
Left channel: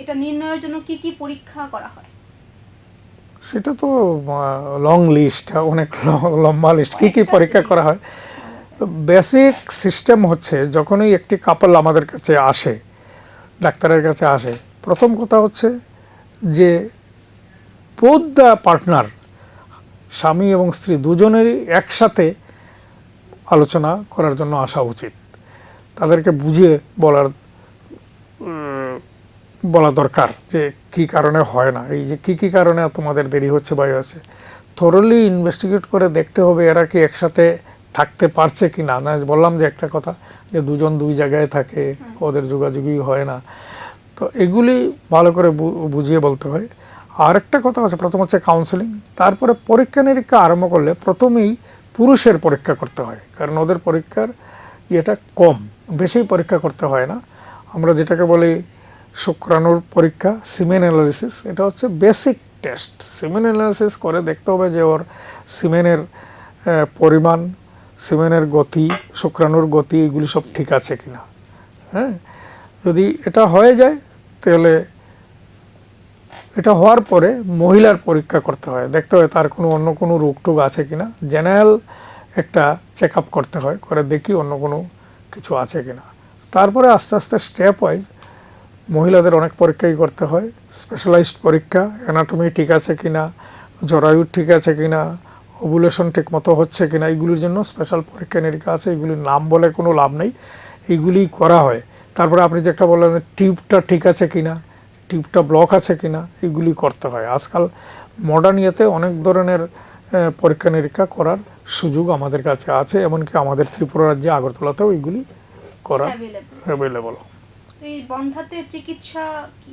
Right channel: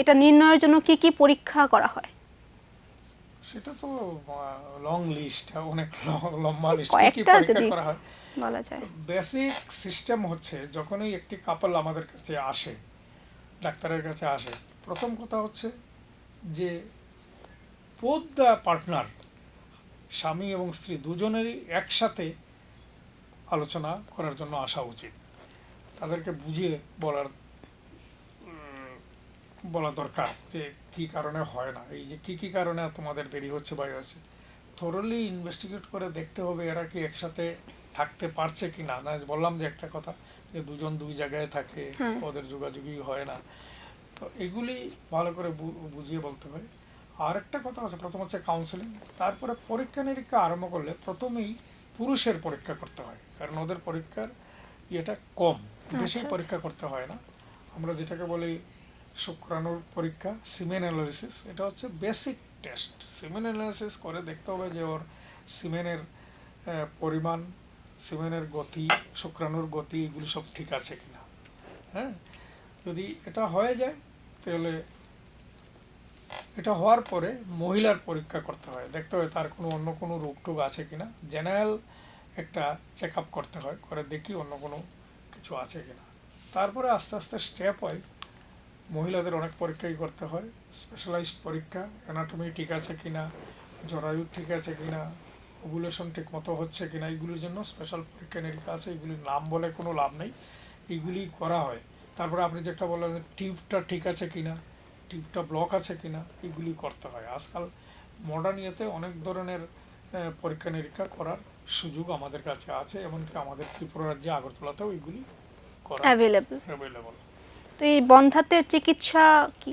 এটা নির্ণয়ের জন্য কি কি পরীক্ষা করা হয়? সেটা তো লং লিস্ট, অনেক লম্বা লিস্ট, কী কী কয়েকটা পরীক্ষা যদি করা হয়। বলা যায়। বেসিক সিস্টেম হচ্ছে যখনই একটি কাপল আমাদের কাছে আসে, ডাক্তারের কাছে আসে, প্রথম কথা হচ্ছে যে বোথ দ্য পার্টনার, স্বামী এবং স্ত্রী দুজনেরই একসাথে আলোচনা করার জন্য আসা উচিত। তাদেরকে বুঝিয়ে বলা দরকার যে কি কারণে হয় না, এই যে কি কারণে তোমাদের দেরি হচ্ছে বা হচ্ছে, থরলি ইনভেস্টিগেট করে দেখতে হবে এরা কি একসাথে থাকতে পারছে কি না। বললাম যে একটা কথা যে দুজন দুই জায়গায় থাকে, ওদের যোগাযোগই হয় না, তো এগুলি ভালো করে বুঝিয়ে বলতে হয়। আর একটা কথা আছে, প্রথম হচ্ছে কাউন্সেলিং, তারপরে পরীক্ষা নিরীক্ষা আরম্ভ করলে প্রথমেই পুরুষের পরীক্ষা করতে হয়, কারণ ওদের পরীক্ষার ইয়েটা কম, বেশি পরীক্ষা করতে হয় না। আমরা যেটাকে বলি শুক্রাণুর পরীক্ষা, সিমেন অ্যানালিসিস, এটা হচ্ছে বেসিক টেস্ট। সিমেন অ্যানালিসিস করে দেখতে হবে যে ওর সিমেনের পরিমাণ, সিমেনের গতি, শুক্রাণুর গতি, এগুলি সব ঠিক আছে কিনা। হ্যাঁ, যদি এটা হয়ে যায় তাহলে এটা হওয়ার পরে মহিলার পরীক্ষা করতে হয়, দেখতে হয় তার অন্য কোনো রোগ টোগ আছে কিনা, জেনারেল একটা চেক আপ করতে হয়, করে দেখি অন্য কোনো কিছু আছে কিনা। তারপরে আস্তে আস্তে স্টেপ ওয়াইজ মহিলাদের অনেক পরীক্ষাই করতে হয়, স্পেশালাইজড পরীক্ষা, অ্যানাটমি ঠিক আছে কিনা, জরায়ু ঠিক আছে কিনা, ওভুলেশন ঠিক মতো হচ্ছে কিনা, এইগুলির জন্য স্পেশাল পরীক্ষা নিরীক্ষা আছে, এগুলির নাম বলে কোনো লাভ নেই, এইগুলি করা হয়। তারপরে আপনি যেটা বললেন টিউবটা ঠিক আছে কিনা, টিউবটা ব্লক আছে কিনা, এগুলি করতে হয়। আজকাল মডার্ন ইয়েতে অনেক ধরনের পরীক্ষা নিরীক্ষা করার সুযোগ আমাদের কাছে আছে, এমনকি আমাদের ত্রিপুরা রাজ্যে আগরতলাতেও এইগুলি করা অ্যাভেলেবল। তো এই বন্ধ্যাত্বের চিকিৎসা কি,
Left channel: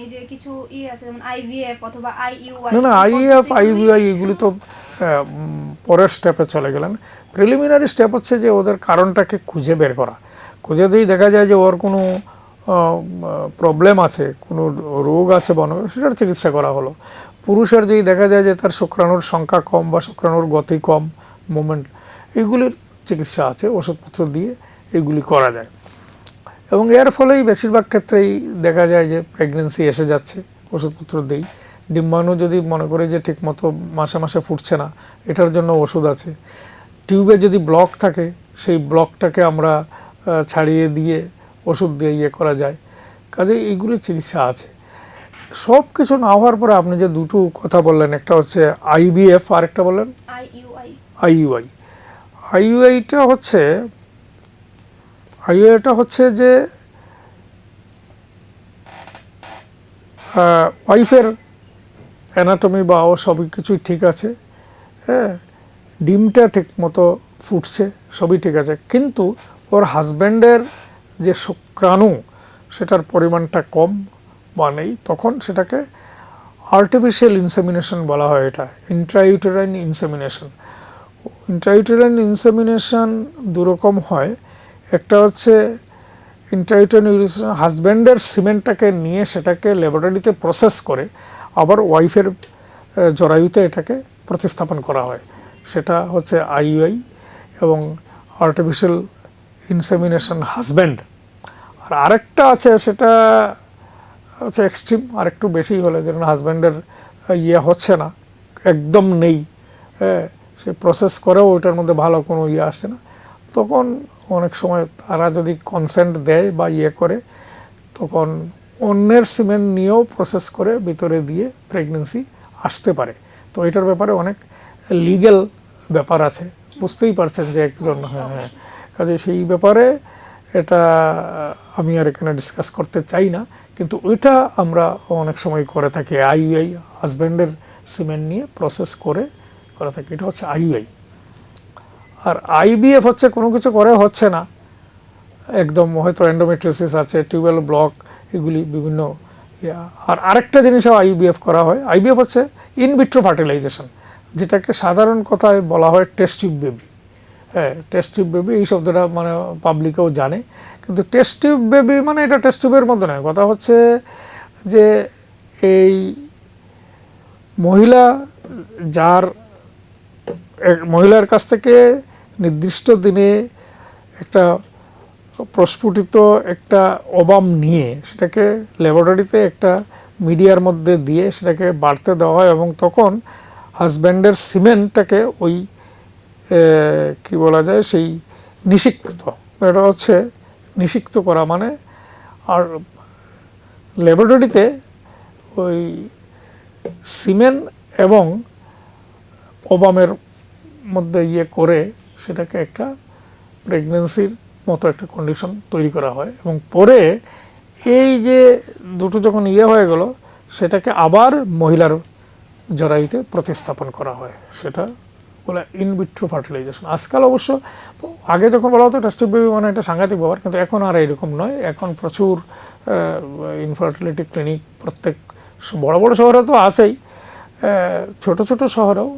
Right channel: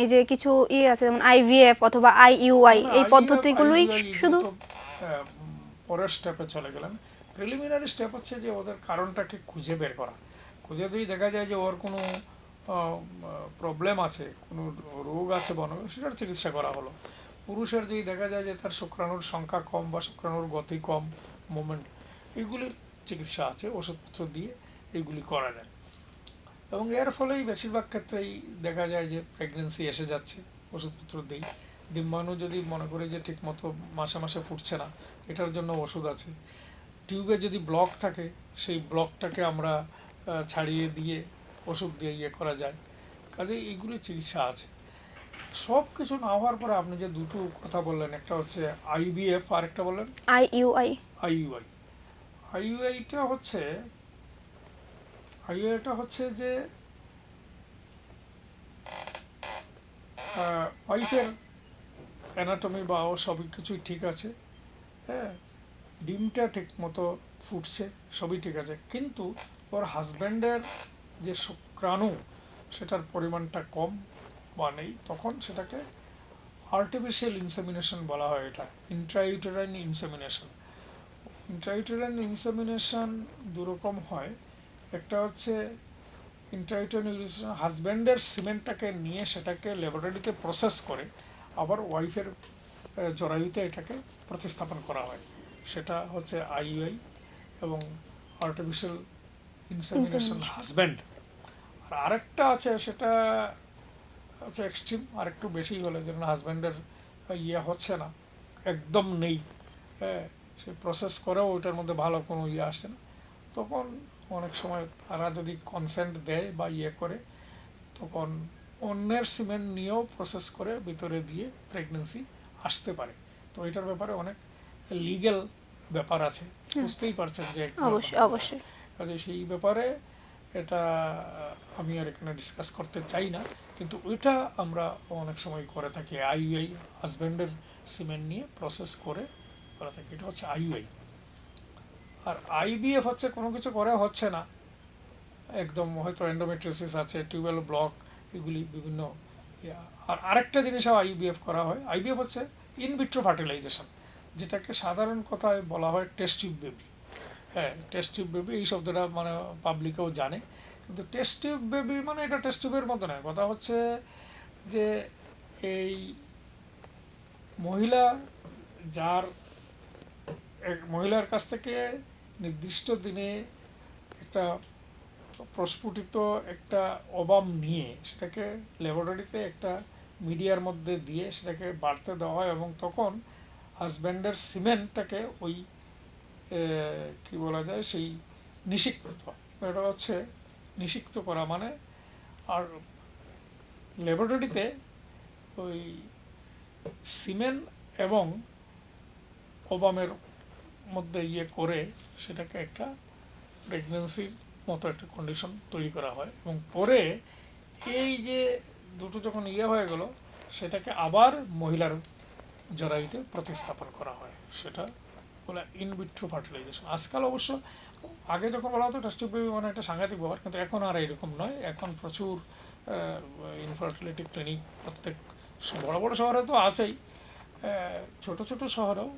এই যে কিছু আছে যেমন আইভিএফ অথবা আইইউআই, না, আইভিআই এগুলি তো পরের স্টেপে চলে গেলেন। প্রিলিমিনারি স্টেপ হচ্ছে যে ওদের কারণটাকে খুঁজে বের করা, খুঁজে যদি দেখা যায় যে ওর কোনো প্রবলেম আছে, কোনো রোগ আছে সেটার চিকিৎসা করা হলো। পুরুষের যদি দেখা যায় যে তার শুক্রাণুর সংখ্যা কম বা শুক্রাণুর গতি কম, মুভমেন্ট, এগুলির চিকিৎসা আছে, ওষুধপত্র দিয়ে এগুলি করা যায়। এবং এর ফলেই বেশিরভাগ ক্ষেত্রেই দেখা যায় যে প্রেগনেন্সি এসে যাচ্ছে, ওষুধপত্র দেই। ডিম্বাণু যদি মনে করে যে ঠিকমতো মাসে মাসে ফুটছে না, এটার জন্য ওষুধ আছে। টিউবে যদি ব্লক থাকে, সেই ব্লকটাকে আমরা ছাড়িয়ে দিয়ে ওষুধ দিয়ে ইয়ে করা যায়। কাজে এইগুলি চিকিৎসা আছে। সব কিছু না হওয়ার পরে আপনি যে দুটো কথা বললেন, একটা হচ্ছে আইভিএফ আর একটা বললেন আইইউআইটা হচ্ছে যে ওয়াইফের অ্যানাটমি বা ও সবই কিছুই ঠিক আছে, হ্যাঁ, ডিমটা ঠিক মতো ফুটছে, সবই ঠিক আছে, কিন্তু ওর হাজব্যান্ডের যে শুক্রাণু সেটার পরিমাণটা কম বা নেই, তখন সেটাকে আর্টিফিশিয়াল ইনসেমিনেশন বলা হয়। এটা ইন্ট্রাইউটেরাইন ইনসেমিনেশন। ইন্ট্রাইউটেরাইন ইনসেমিনেশন দুরকম হয়, একটা হচ্ছে ইন্ট্রাইউটেরাইন ইনসেমিনেশন হাজব্যান্ডের সিমেন্টটাকে নিয়ে সেটাকে ল্যাবরেটরিতে প্রসেস করে আবার ওয়াইফের জরায়ুতে এটাকে প্রতিস্থাপন করা হয়, সেটা হচ্ছে আইইউআই এবং আর্টিফিশিয়াল ইনসেমিনেশন হাজব্যান্ড। আর আরেকটা আছে, সেটা হচ্ছে এক্সট্রিম, আর একটু বেশি হলে, যেমন হাজব্যান্ডের ইয়ে হচ্ছে না, একদম নেই, হ্যাঁ, সে প্রসেস করেও ওইটার মধ্যে ভালো কোনো ইয়ে আসছে না, তখন অনেক সময় তারা যদি কনসেন্ট দেয় বা ইয়ে করে, তখন অন্যের সিমেন্ট নিয়েও প্রসেস করে ভিতরে দিয়ে প্রেগনেন্সি আসতে পারে। তো এটার ব্যাপারে অনেক লিগ্যাল ব্যাপার আছে, বুঝতেই পারছেন যে একজন, কাজে সেই ব্যাপারে এটা আমি আর এখানে ডিসকাস করতে চাই না, কিন্তু ওইটা আমরা অনেক সময় করে থাকি। আইইউআই হাজব্যান্ডের সিমেন্ট নিয়ে প্রসেস করে থাকি, এটা হচ্ছে আইইউআই। আর আইভিএফ হচ্ছে কোনো কিছু করে হচ্ছে না, একদম হয়তো এন্ডোমেট্রিওসিস আছে, টিউবেল ব্লক, এগুলি বিভিন্ন। আর আরেকটা জিনিসও আইভিএফ করা হয়, আইভিএফ হচ্ছে ইনভিট্রো ফার্টিলাইজেশন, যেটাকে সাধারণ কথায় বলা হয় টেস্ট টিউব বেবি। হ্যাঁ, টেস্ট টিউব বেবি এই শব্দটা মানে পাবলিকেও জানে, কিন্তু টেস্ট টিউব বেবি মানে এটা টেস্ট টিউবের মধ্যে নয়। কথা হচ্ছে যে এই মহিলার কাছ থেকে নির্দিষ্ট দিনে একটা প্রস্ফুটিত একটা ওভাম নিয়ে সেটাকে ল্যাবরেটরিতে একটা মিডিয়ার মধ্যে দিয়ে সেটাকে বাড়তে দেওয়া হয় এবং তখন হাজব্যান্ডের সিমেন্টটাকে ওই কি বলা যায় সেই নিষিক্ত, এটা হচ্ছে নিষিক্ত করা, মানে আর ল্যাবরেটরিতে ওই সিমেন্ট এবং ওবামের মধ্যে ইয়ে করে সেটাকে একটা প্রেগনেন্সির মতো একটা কন্ডিশন তৈরি করা হয় এবং পরে এই যে দুটো যখন ইয়ে হয়ে গেল সেটাকে আবার মহিলার জরায়ুতে প্রতিস্থাপন করা হয়, সেটা বলে ইনভিট্রো ফার্টিলাইজেশন। আজকাল অবশ্য, আগে যখন বলা হতো টেস্ট টিউব বেবি মানে একটা সাংঘাতিক ব্যাপার, কিন্তু এখন আর এরকম নয়। এখন প্রচুর ইনফার্টিলিটি ক্লিনিক প্রত্যেক বড় বড় শহরে তো আছেই, ছোট ছোট শহরেও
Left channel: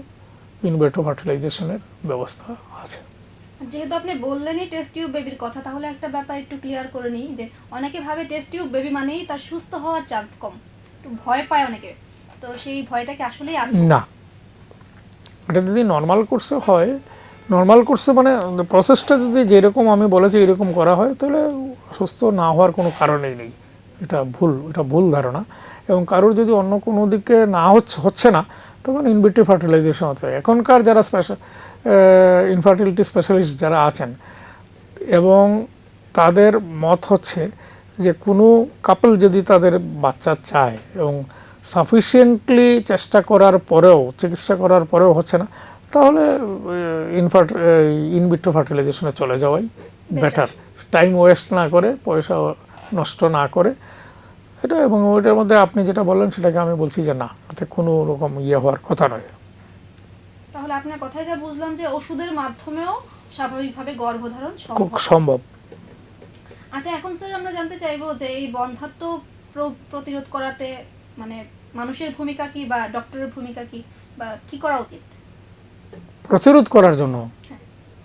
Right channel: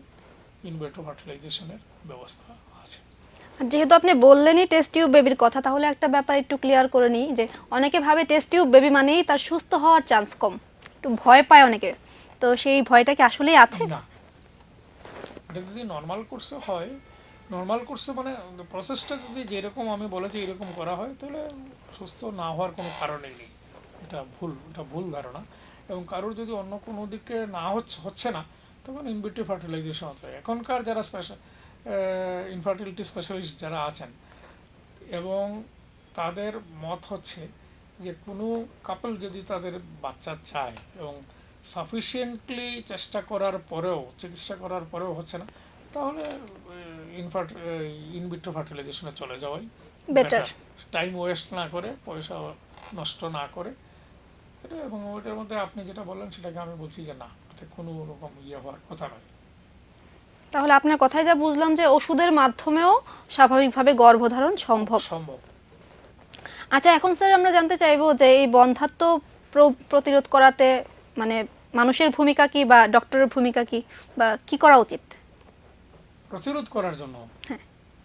ইনভিট্রো ফার্টিলাইজেশনের ব্যবস্থা আছে। যেহেতু আপনি বললেনই টেস্ট টিউব বেবির কথা, তাহলে একটা ব্যাপার একটু ক্লিয়ার করে নিই যে অনেকে ভাবে টেস্ট টিউব বেবি মানেই তার সুস্থ হওয়ার চান্স কম, একটু ভয় পায় অনেকে, তো সেই ভয়টা কি আসলেই আছে? না, এটা যদি নর্মাল কোর্সে হয়, নর্মাল কোর্সে মানে প্রসেসটা যদি যেরকম আমি বলেছি এরকম করা হয় তাহলে সুস্থ না হওয়ার কোনো কারণেই নেই। এটা ভুল ধারণা। এবং কারোর যদি অন্য কোনো দিকে না হচ্ছে না তখন ইনভিট্রো ফার্টিলাইজেশন হতে হয়। এখনকার যারা ইনফার্টিলিটি স্পেশালিস্ট যারা আছেন এবং তাদের মত হচ্ছে যে কোনো কাপল যদি তাদের বাচ্চা চায় এবং সাফিসিয়েন্টলি চেষ্টা করার পরেও, চিকিৎসা করার পরেও হচ্ছে না, তাহলে ইনভিট্রো ফার্টিলাইজেশনে চলে যাওয়াই বেটার, টাইম ওয়েস্ট না করে, পয়সা নষ্ট না করে এটা। এবং ওইটার মধ্যে আপনি যেটা বললেন সেটাকে আমি বলছি যে না, এতে কোনো রকম ইয়ে হওয়ার কথা নয়। তাহলে আপনার কথায় যা বুঝলাম যে ওষুধের মাধ্যমেও স্বাভাবিকভাবে গর্ভধারণ সম্ভব। আচ্ছা, এখন স্যার আমরা জানতে চাইবো যে এই বন্ধ্যাত্ব প্রতিরোধ করাতে মানে মানুষের ভূমিকা কি বা ডক্টরের ভূমিকা কি, বা কি করা উচিত প্রতিরোধ করার জন্য?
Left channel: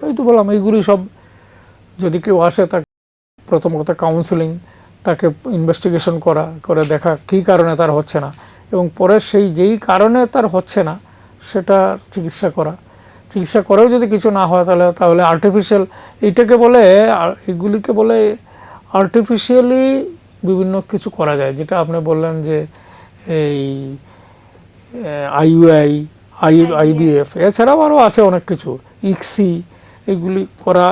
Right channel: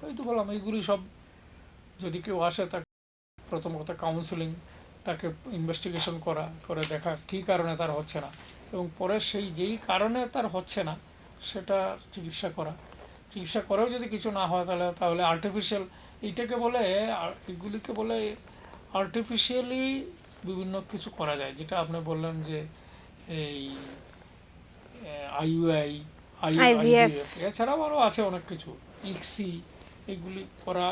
এই তো বললাম, এইগুলি সব যদি কেউ আসে তাকে প্রথম কথা কাউন্সেলিং, তাকে ইনভেস্টিগেশন করে দেখা কী কারণে তার হচ্ছে না, এবং পরে সেই যেই কারণে তার হচ্ছে না সেটা চিকিৎসা করা। চিকিৎসা করেও যদি কিছু না হয় তাহলে আর্টিফিশিয়াল, এগুলিকে বলে আর্টিফিশিয়ালি বিভিন্ন কিছু করা যায়, যেটা আপনি বললেন যে এই IVF, এছাড়াও আরও আছে অনেক কিছু, ইক্সি, এগুলি করা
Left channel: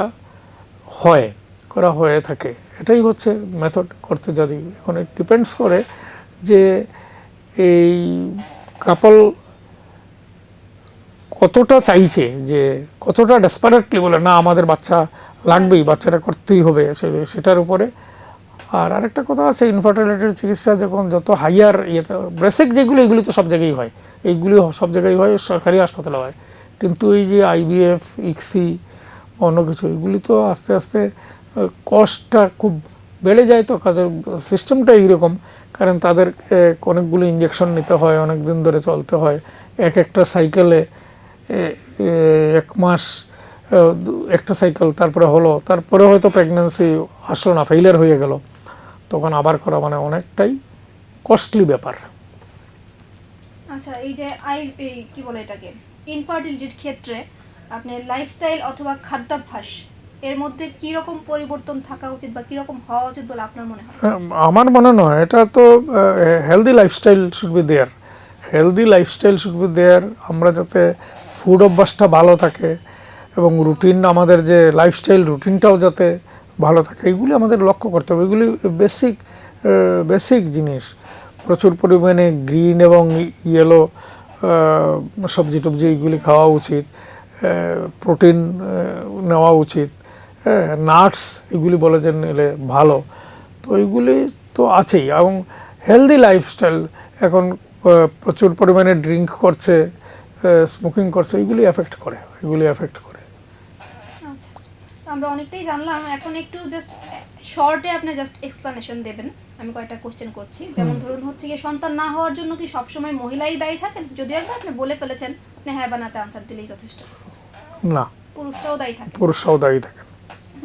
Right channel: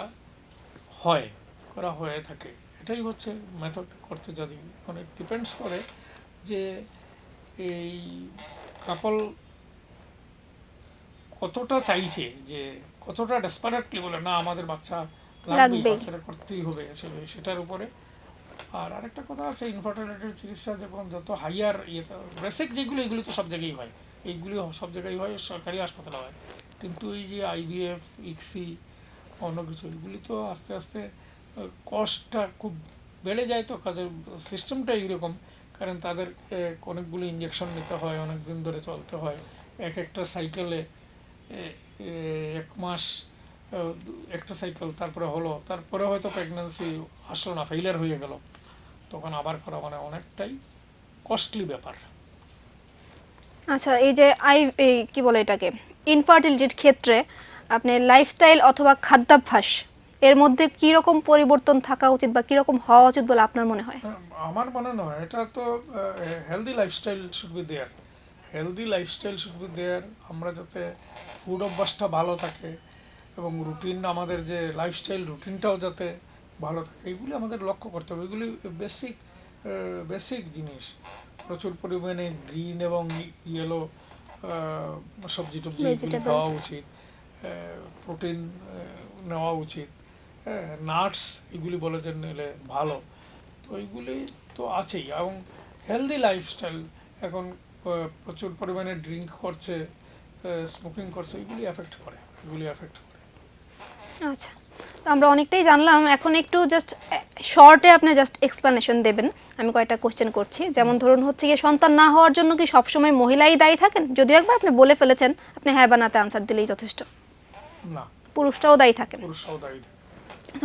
হয়ে থাকে। এটাই হচ্ছে মেথড করতে। যদি এখন ডিপেন্ডস করে যে এই কাপল কতটা চাইছে, যে কতটা ডেসপারেটলি বলে না আমাদের বাচ্চা লাগবেই, বাচ্চাটা করতেই হবে, সেটার উপরে। আর আরেকটা কথা আছে, ইনফার্টিলিটির চিকিৎসা যখন যত হাইয়ার ইয়েতে, বেসিক যেগুলো এগুলি তো সব জায়গায় হয়, এইগুলি সব জায়গায় হয়, সরকারি হাসপাতালে হয়, কিন্তু এই যে IVF, ইক্সি, অন্য কিছু, এগুলি তো আস্তে আস্তে কস্টটা খুব বেড়ে যায়। তো কাজের সিস্টেমটা এইরকম, কারণ তাদের অনেকগুলো ইঞ্জেকশন নিতে হয়, অনেক দিন ধরে চলতে হয়, একটা সাইকেলে 1 মাস একটা সাইকেল, তারপরে হয়তো প্রেগন্যান্সি আসলো না, ফেইলিয়ার হয়ে গেল, তখন আবার করা মানে অনেকটাই কস্টলি ব্যাপার। আচ্ছা, এই যে কি বলে এটাকে, ইনফার্টিলিটির ক্ষেত্রে আপনি লাইফস্টাইল অথবা খাদ্যাভ্যাস এর মধ্যে কি রকম পরিবর্তন থাকা উচিত বা কি রকম হওয়া উচিত বলে আপনার মনে হয়? আমার মনে নয়, এটা তো healthy lifestyle should be there, আমরা যাতে ফুড অভ্যাসটা ভালো থাকে এবং রুটিন, আমাদের যে লাইফস্টাইল রুটিনটাও যাতে ভালো থাকে, এগুলি আমাদের লক্ষ্য করতে হবে। এগুলি বেসিক জিনিস। প্রচুর পরিমাণে গ্রিন এবং ইয়েলো সবজি টবজি এগুলি খাওয়া উচিত, প্রোটিন নেওয়া উচিত, নাটস এগুলি বলে যে নিলে ভালো। তো এইগুলি তো আছেই। এবং হেলদি লাইফস্টাইল, এখন প্রচুর পরিমাণে ড্রিঙ্ক করছে, স্মোকিং করছে, এগুলি এফেক্ট করে। আচ্ছা, তো আমরা অনেকটাই জানলাম, এখন একটু জাস্ট শর্টে আপনি জাস্ট এক্সপ্লেনেশন দেবেন। আমি কয়েকটা কোশ্চেন করছি, যেমন ধরুন হচ্ছে কি, সন্তান না হওয়ার জন্য কি সবসময় মহিলাই দায়ী থাকেন? যদিও একবার আপনি বলে ফেলেছেন, আপনি হ্যাঁ বা নাতে আনসার দিলেই যথেষ্ট। না, পুরুষরাও দায়ী থাকেন।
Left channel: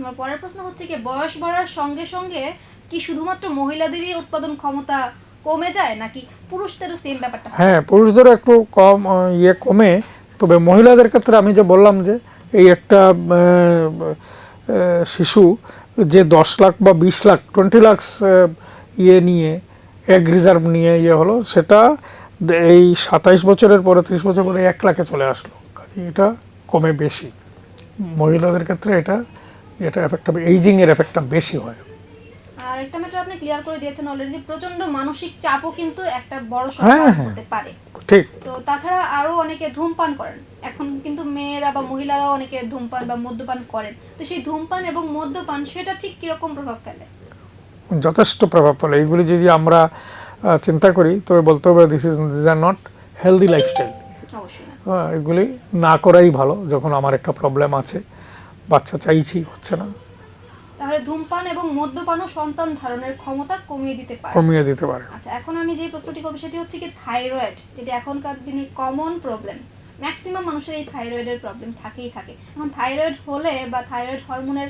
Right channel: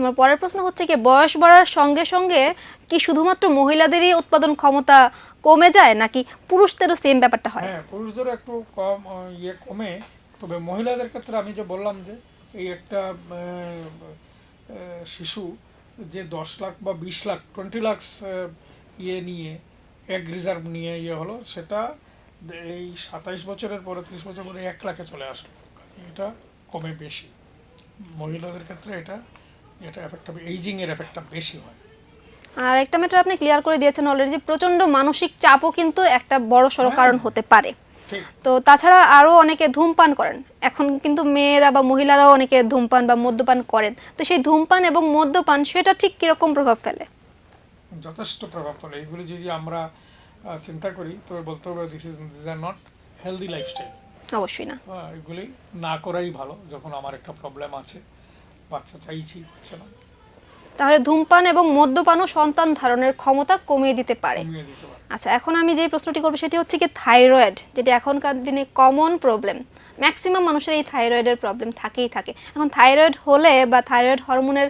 আমার পরের প্রশ্ন হচ্ছে কি, বয়স বাড়ার সঙ্গে সঙ্গে কি শুধুমাত্র মহিলাদেরই উৎপাদন ক্ষমতা কমে যায় নাকি পুরুষদেরও সেম ব্যাপারটা হয়? হ্যাঁ, পুরুষদের একটু কম কমে, তবে মহিলাদের ক্ষেত্রে আমি যে বললাম যে এই একটা শিশু যে 10 লাখ বা 20 লাখ 20 লাখ নিয়ে এগ রিজার্ভ নিয়ে হলো, সেটা এই 27 বছরের পরে 30 বছর পরে 1 লাখে চলে আসলো। কাজে এটা কমে বেশি। মহিলাদের ক্ষেত্রে এটা এফেক্টটা এইজিংয়ের এফেক্টটা বেশি হয়। আর একটা ম্যাটার আপনি ক্লিয়ার করে দিয়েছেন অলরেডি, প্রচন্ড মানসিক চাপও কিন্তু একটা বড় সড় কারণ হতে পারে। ঠিক। তো তাছাড়া আরো অনেকে ধূমপান করেন, এখন কিন্তু মেয়েরা বা মহিলারাও অনেকে ধূমপান বা মদ্যপান করেন। তো সেই ধূমপান এবং মদ্যপান সেটা ঠিক কিরকম প্রভাব ফেলে? যথেষ্ট প্রভাব ফেলে। এইগুলি যদি আমরা চিন্তা করি তবে বলতে হবে this are not healthy lifestyle. অবশ্যই না। এগুলি না করাই ভালো। যখন আমার একটা প্রবলেম আছে, বাচ্চা চাইছি, হচ্ছে না, তাহলে ধূমপান এবং মদ্যপানও সন্তান ধারণের ক্ষমতা কমিয়ে দিতে পারে। আচ্ছা, এখন আমি যে প্রশ্নটি করব সেটি হচ্ছে কি থাইরয়েড, যেটা এখনকার দিনে কমন প্রবলেম। ম্যাক্সিমাম মানুষের এই থাইরয়েডের প্রবলেম থাকেই থাকে। এখন থাইরয়েড হলে বা থাইরয়েড হরমোনের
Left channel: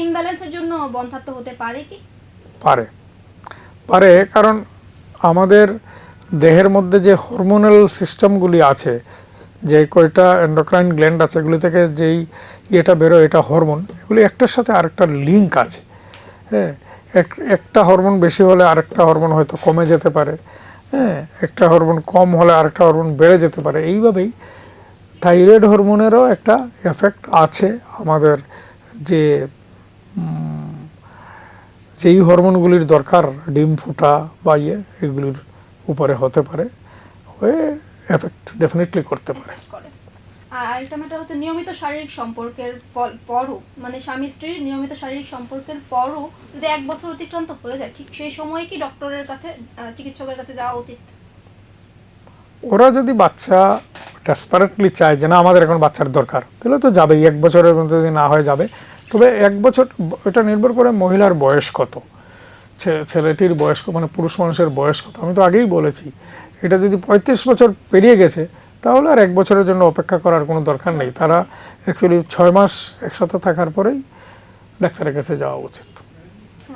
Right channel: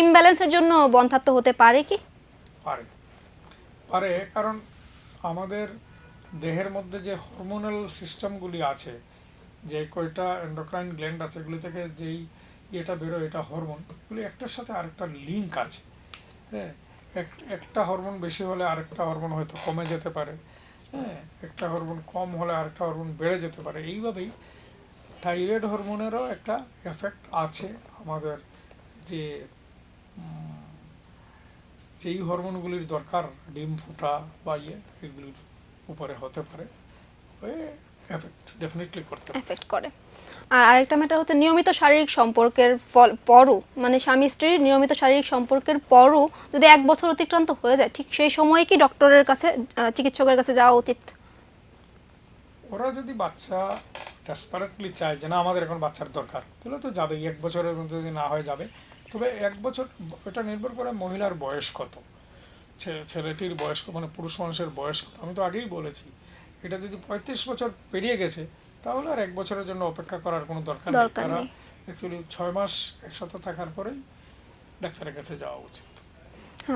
ইমব্যালেন্সের জন্য বন্ধ্যাত্ব হতে পারে কি? পারে, কারণ আমাদের দেহের মধ্যে যে হরমোনাল সিস্টেমগুলি আছে, যে কয়টা এন্ডোক্রাইন গ্ল্যান্ড আছে, এগুলি থেকে যেই এটা বেরোয়, এটা হরমোন, এগুলি একটার সাথে আরেকটা লিঙ্ক আছে। হ্যাঁ, একটা হরমোন বেশি হলে আরেকটা হরমোন হয়তো কমে যেতে পারে। হ্যাঁ, একটা হরমোন কম হলে আরেকটা হরমোন বেড়ে যেতে পারে। এইভাবেই থাইরয়েড হরমোনেরও একটা এফেক্ট আছে। আমাদের যেই হরমোনগুলির দরকার ডিম ফুটা বা এগুলির উপরে হতে পারে, হয়ে এফেক্ট ডেফিনেটলি করতে পারে। আর আরেকটা ম্যাটার হচ্ছে নিয়মিত শারীরিক সম্পর্কের পরও, মানে স্বামী স্ত্রীর নিয়মিত শারীরিক সম্পর্কের পরও যদি 1 বছর অতিক্রান্ত হয়ে যায়, ঠিক সেই সময় কি ডক্টরের কাছে, চিকিৎসকের কাছে যাওয়া উচিত? ওরা যদি বাচ্চা ডেসপারেটলি চায় যে না আমাদের এখন বাচ্চার দরকার, তাহলে তো যাবেই। 1 বছরের মধ্যে যদি না হয় যাবে। তবে 1 বছর, এটা নির্ভর করে মহিলার বয়স কত, ছেলেটির বয়স, মানে পুরুষ মানুষের বয়স কত। আমি তো আগেই বলেছি, এটা যদি 35 বছর পেরিয়ে গেছে তাহলে আর 1 বছরের জন্য অপেক্ষা করার কোনো দরকার নেই। তারা অ্যাকচুয়ালি 6 মাস একসাথে থাকার পরেই ডাক্তারের কাছে যাওয়া উচিত।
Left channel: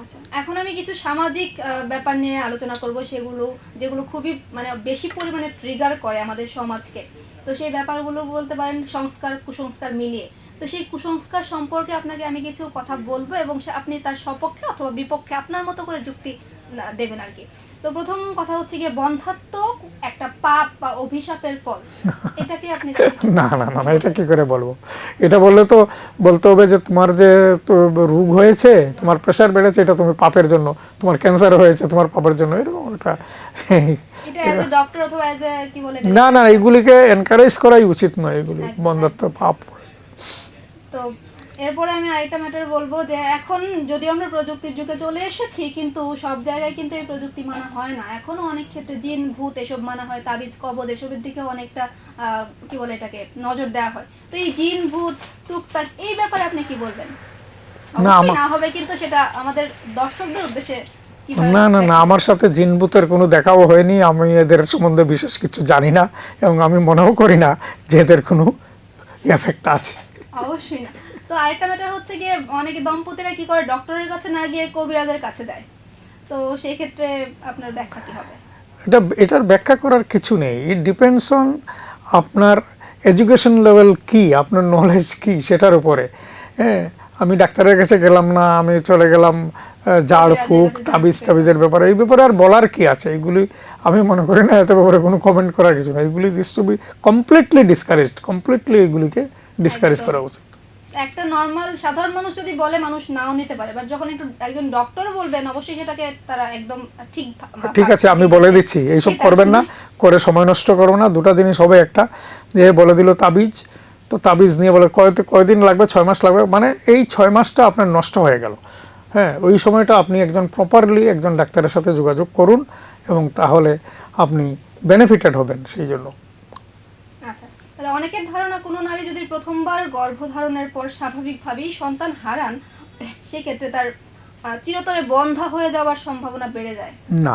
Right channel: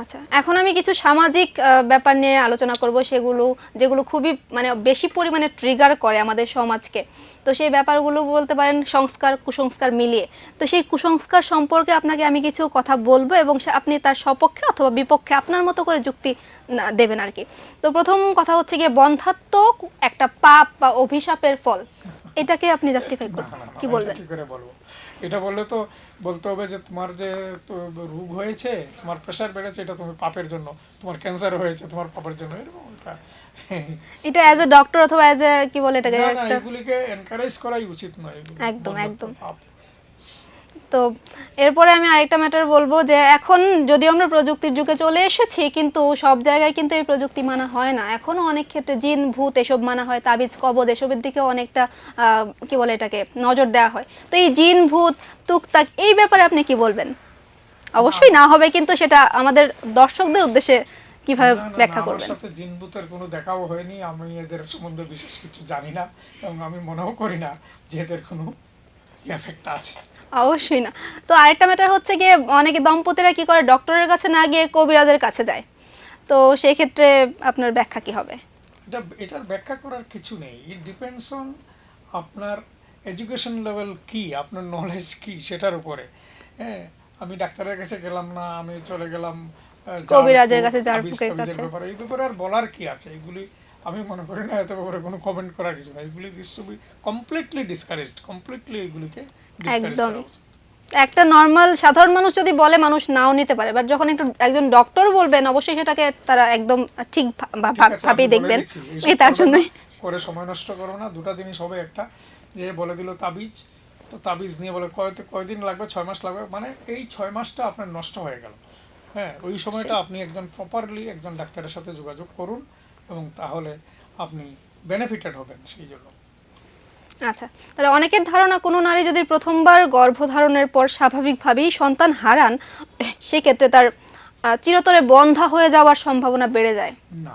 আচ্ছা, এখন আমি কিছু সামাজিক ব্যাপার নিয়ে আলোচনা করব, যেগুলো খুবই মানে বেশি পরিমাণে ট্রিগার করে আমাদের সমাজকে। তো সেই ব্যাপারগুলো বলতে পারেন সংস্কার কুসংস্কার মিলিয়ে। তো সেই কুসংস্কার সম্পর্কে আপনাকে আমি কিছু কথা বলবো এবং আপনি তার সপক্ষে অথবা বিপক্ষে আপনার মতো করে যুক্তি দেবেন আর কি। তো প্রথম কথা হচ্ছে গিয়ে বন্ধ্যাত্ব একটা পাপ বা অভিশাপের ফল, এটাকে আপনি না, এটা কি করে বলবো? এটা বললে তো বলতে হবে যে তোমার যে রোগ হয়েছে, তোমার প্রেসার বেড়েছে, এটা তুমি পাপের জন্য, তোমার ক্যান্সার হয়েছে তোমার পাপের জন্য, এরকম এটা অ্যাজ এ ডক্টর অথবা অ্যাজ এ কি বলে এটা, না, এগুলিকে এনকারেজ করাই উচিত নয়। এগুলি বন্ধ্যাত্ব পাপ। তো এরপরে আমি আরেকটা ম্যাটার বলবো যে এখন যদিও আমরা প্রযুক্তির যুগে চলে এসেছি, কিন্তু সব জায়গায় কিন্তু এই প্রযুক্তি মানা হয় না। এখনো অনেক ক্ষেত্রে জিন ভূত এসব মানা হয়, তাবিজ কবজ এসবের দিকে অনেকটা কি বলে এটাকে নজর দেওয়া হয়। তো এই জিন ভূত টুকটাক এই ব্যাপারে আপনি কি বলবেন? অবশ্যই না হবে, কিন্তু সেটা আমাদের দর্শকদের উদ্দেশ্যে কিভাবে? না, আমার সাথে জিন ভূতের কোনো দেখাও হয়নি। আমি এদের সম্বন্ধে বিশেষ কিছু জানি না এবং আমি মনেও করি না যে এদের কোনো এফেক্ট আছে। অবশ্যই না। তো আরেকটা ম্যাটার হচ্ছে গিয়ে অনেকে দম্পতিরা কি করে, ডক্টরের কাছে না গিয়ে কবিরাজের কাছে যায়। তো সেই ক্ষেত্রে আপনার ব্যাখ্যা কি হবে? এটার ব্যাখ্যা করার কিছু নেই। ইট ডিপেন্ডস অন আপনার এডুকেশন লেভেল কি, আপনার নলেজ কি, সেটার উপরে। হ্যাঁ, আমি ডাক্তারের কাছে গেলাম না, আমি চলে গেলাম তাবিজের ব্যাপারে। এই ব্যাপারে আর বলার কি আছে? এগুলি আমি মনে করি না এত ব্যাপারে কোনো কমেন্ট করার কিছু না। এগুলি this to be completely discouraged, completely এগুলিকে ডিসকারেজ করা উচিত। একটা নরমাল সাধারণ মানুষ যদি বলে মানুষ নাও নিতে পারে, বাট যখন একজন ডক্টর বলবেন অবশ্যই সেটাকে তারা একদম ঠিক আছে। আমি বলে দিচ্ছি, এইসব করবেন না, করে সময় নষ্ট করবো না। দুটা জিনিস হবে, একটা যে বলে দিল তাবিজ, তো তাবিজ নিয়ে বলে কয়দিন লাগবে, 6 মাস লাগবে, মানে এই 6 মাসটা আপনার নষ্ট হয়ে গেল। হ্যাঁ, ওই সময়টা আপনি প্রপারলি একজন ডাক্তারের সাথে যোগাযোগ করুন এবং তাহলে আপনি বেনিফিটেড হবেন সেই জন্য। আচ্ছা, তাহলে অনেকের ধারণা কোনো নারী যদি প্রথমবার গর্ভধারণের পর স্বাভাবিকভাবেই সন্তান হারান, সেই ক্ষেত্রে তার চিরতরে বন্ধ্যা হয়ে যাওয়ার সম্ভাবনা বেড়ে যায়। না,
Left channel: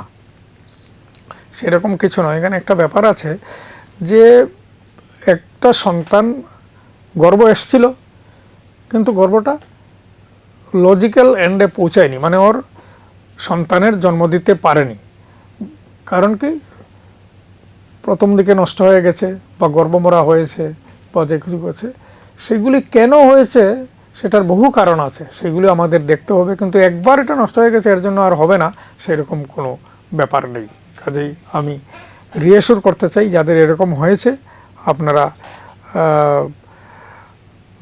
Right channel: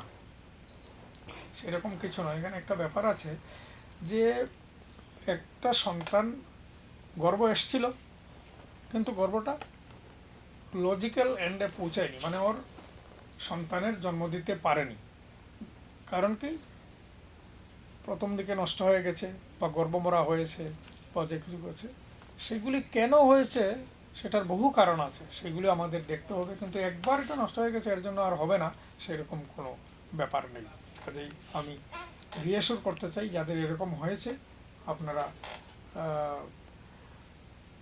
সেরকম কিছু নয়। এখানে একটা ব্যাপার আছে যে একটা সন্তান গর্ভ এসছিল, কিন্তু গর্ভটা লজিক্যাল এন্ডে পৌঁছায়নি, মানে ওর সন্তানের জন্ম দিতে পারেনি। কারণ কি, প্রথম দিকে নষ্ট হয়ে গেছে বা গর্ভমরা হয়েছে বা যে কিছু হয়েছে, সেগুলি কেন হয়েছে সেটার বহু কারণ আছে, সেগুলি আমাদের দেখতে হবে। কিন্তু একবার এটা নষ্ট হয়ে গেছে এর জন্য আর হবে না, সেরকম কোনো ব্যাপার নেই। কাজেই আমি রিঅ্যাসিওর করতে চাই যাদের এরকম হয়েছে, আপনারা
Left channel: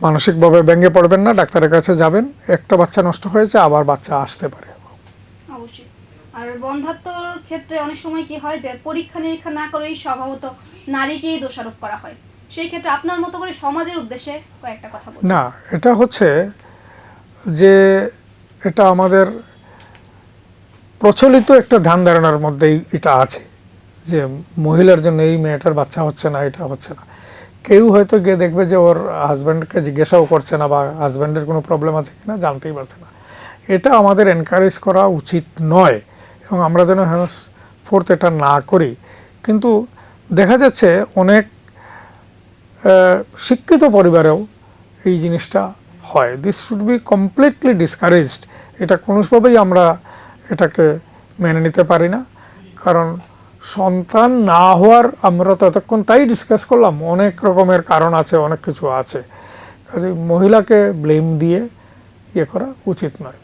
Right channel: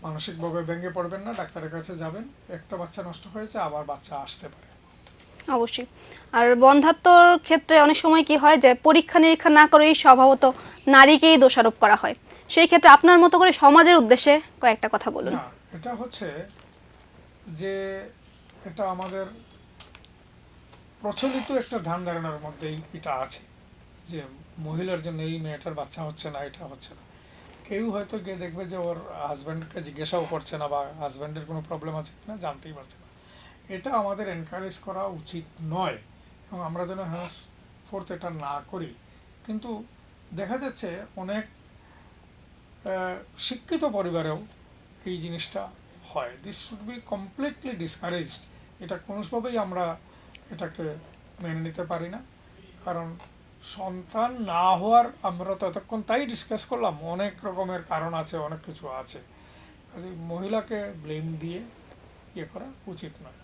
মানসিকভাবে ভেঙে পড়বেন না, ডাক্তারের কাছে যাবেন। একটা বাচ্চা নষ্ট হয়েছে, আবার বাচ্চা আসতে পারে। অবশ্যই। আর বন্ধ্যাত্বর ক্ষেত্রে অনেক সময় কি হয় যে পরীক্ষা নিরীক্ষা না করেই স্বভাবত নারীকেই দোষারোপ করা হয়, সেই ক্ষেত্রে আপনার মতো করে সমাজের উদ্দেশ্যে কয়েকটা কথা বলুন। না, এটা হচ্ছে যে এটা আমাদের প্রচলিত একটা ধ্যান ধারণার মধ্যেই এটা আছে যে মহিলার জন্য এই মেয়েটার বাচ্চা হচ্ছে না, এটা হচ্ছে না। কেউ হয়তো গিয়ে দেখবে যে ওর হাজব্যান্ডকে জিজ্ঞাসাও করছে না বা হাজব্যান্ডের কোনো প্রবলেম আছে কিনা জানতেই পারছে না। এটা আমাদের এনকারেজ করা উচিত নয় এবং আমরা যেন ফোর্থ এটা না করি। কিন্তু দেখা যাচ্ছে অনেক শিক্ষিত পরিবারেও এই জিনিসটা হয়। This should be completely discouraged. এটা কোনোভাবেই আমরা এটাকে মেনে নিতে পারি না। কারণ সন্তান না হওয়ার আমরা তো এতক্ষণ তাই ডিসকাস করলাম, অনেক রকমের কারণ আছে, অনেক কিছু আছে। কাজে মহিলাকে ব্লেম দিয়ে ইয়ে করা উচিত নয়।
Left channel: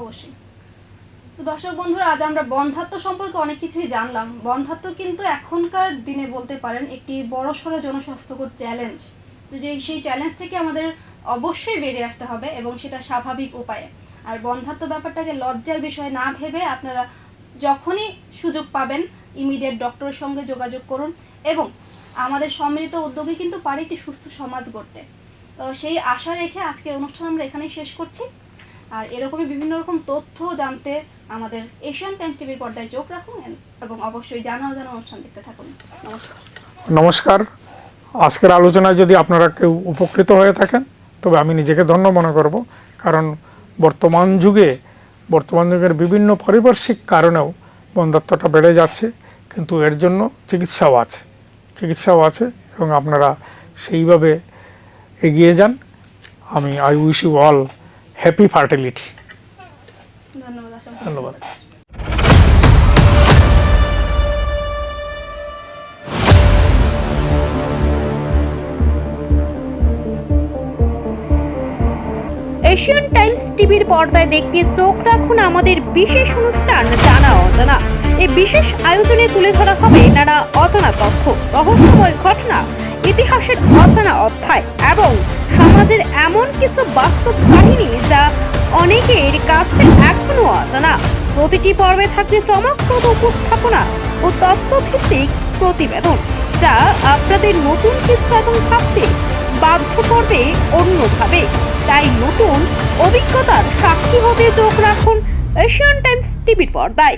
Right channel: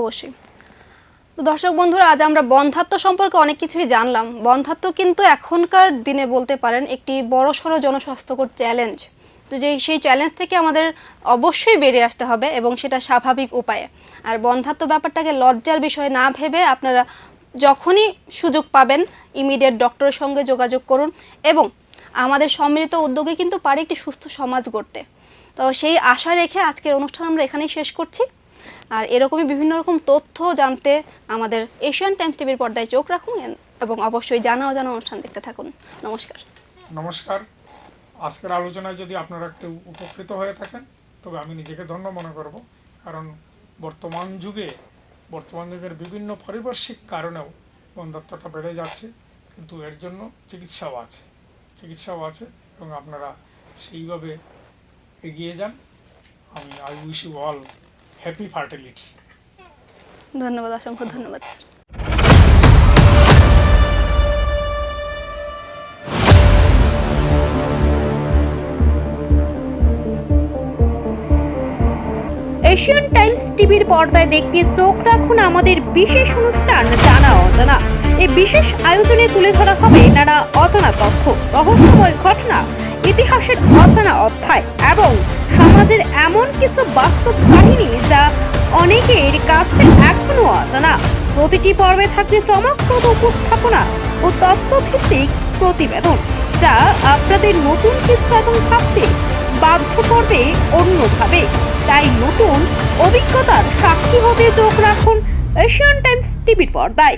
অবশ্যই। তো দর্শক বন্ধুরা, আজ আমরা বন্ধ্যাত্ব সম্পর্কে অনেক কিছুই জানলাম। বন্ধ্যাত্ব কিন্তু এখনকার দিনে বলতে পারেন একটি বড়সড় জনস্বাস্থ্যকর চ্যালেঞ্জ। তো সেই চ্যালেঞ্জ থেকে আমাদের অবশ্যই বেরিয়ে আসতে হবে এবং সেটা স্বাভাবিক উপায়ে। আর বন্ধ্যাত্ব ব্যাপারটাকে লজ্জার বিষয় না ভেবে আপনারা যখনই সুযোগ পাবেন ইমিডিয়েট ডক্টরের সঙ্গে যোগাযোগ করুন এবং আমাদের সম্মিলিত উদ্যোগে কিন্তু পারে একটি সুস্থ সমাজ গড়তে। তো সেই আশা রেখে আজকের অনুষ্ঠান আমরা এখানেই শেষ করছি। আর এরকমই বিভিন্ন রকম তথ্য জানতে আমাদের এশিয়ান টাইমস টিভির পর্দায় চোখ রাখুন এবং অবশ্যই জানা অজানা অনুষ্ঠান দেখতে থাকুন। নমস্কার। নমস্কার। আজকের আলোচনায় যদি আপনারা কেউ উপকৃত হয়ে থাকেন তবে আমি নিজেকে ধন্য মনে করব। কারণ বর্তমান যুগের বিভিন্ন পারিপার্শ্বিক কারণেও বন্ধ্যাত্বটা বেড়ে যাচ্ছে, কিন্তু এর জন্য চিকিৎসাও আছে এবং আপনারা সেইভাবে এগিয়ে যান। I wish you all happy fertility. ধন্যবাদ, অসংখ্য ধন্যবাদ। এশিয়ান টাইমস টিভির পর্দায় দেখতে চোখ রাখুন আমাদের বিশেষ অনুষ্ঠান জানা অজানা। এই বিশেষ আয়োজনে তুলে ধরা হবে নানা অজানা তথ্য, রহস্যময় ঘটনা, ইতিহাসের অজানা অধ্যায় এবং সমাজের এমন কিছু বাস্তব কাহিনী যা অনেকের কাছে এখনো অজানা। প্রতিটি পর্বে থাকবে চমকপ্রদ উপস্থাপনা ও তথ্যভিত্তিক প্রতিবেদন যা আপনাদের নতুন কিছু এবং ভাবতে বাধ্য করবে অন্যভাবে। তাই নতুন অভিজ্ঞতার সাক্ষী হতে চোখ রাখুন এশিয়ান টাইমস টিভির পর্দায়।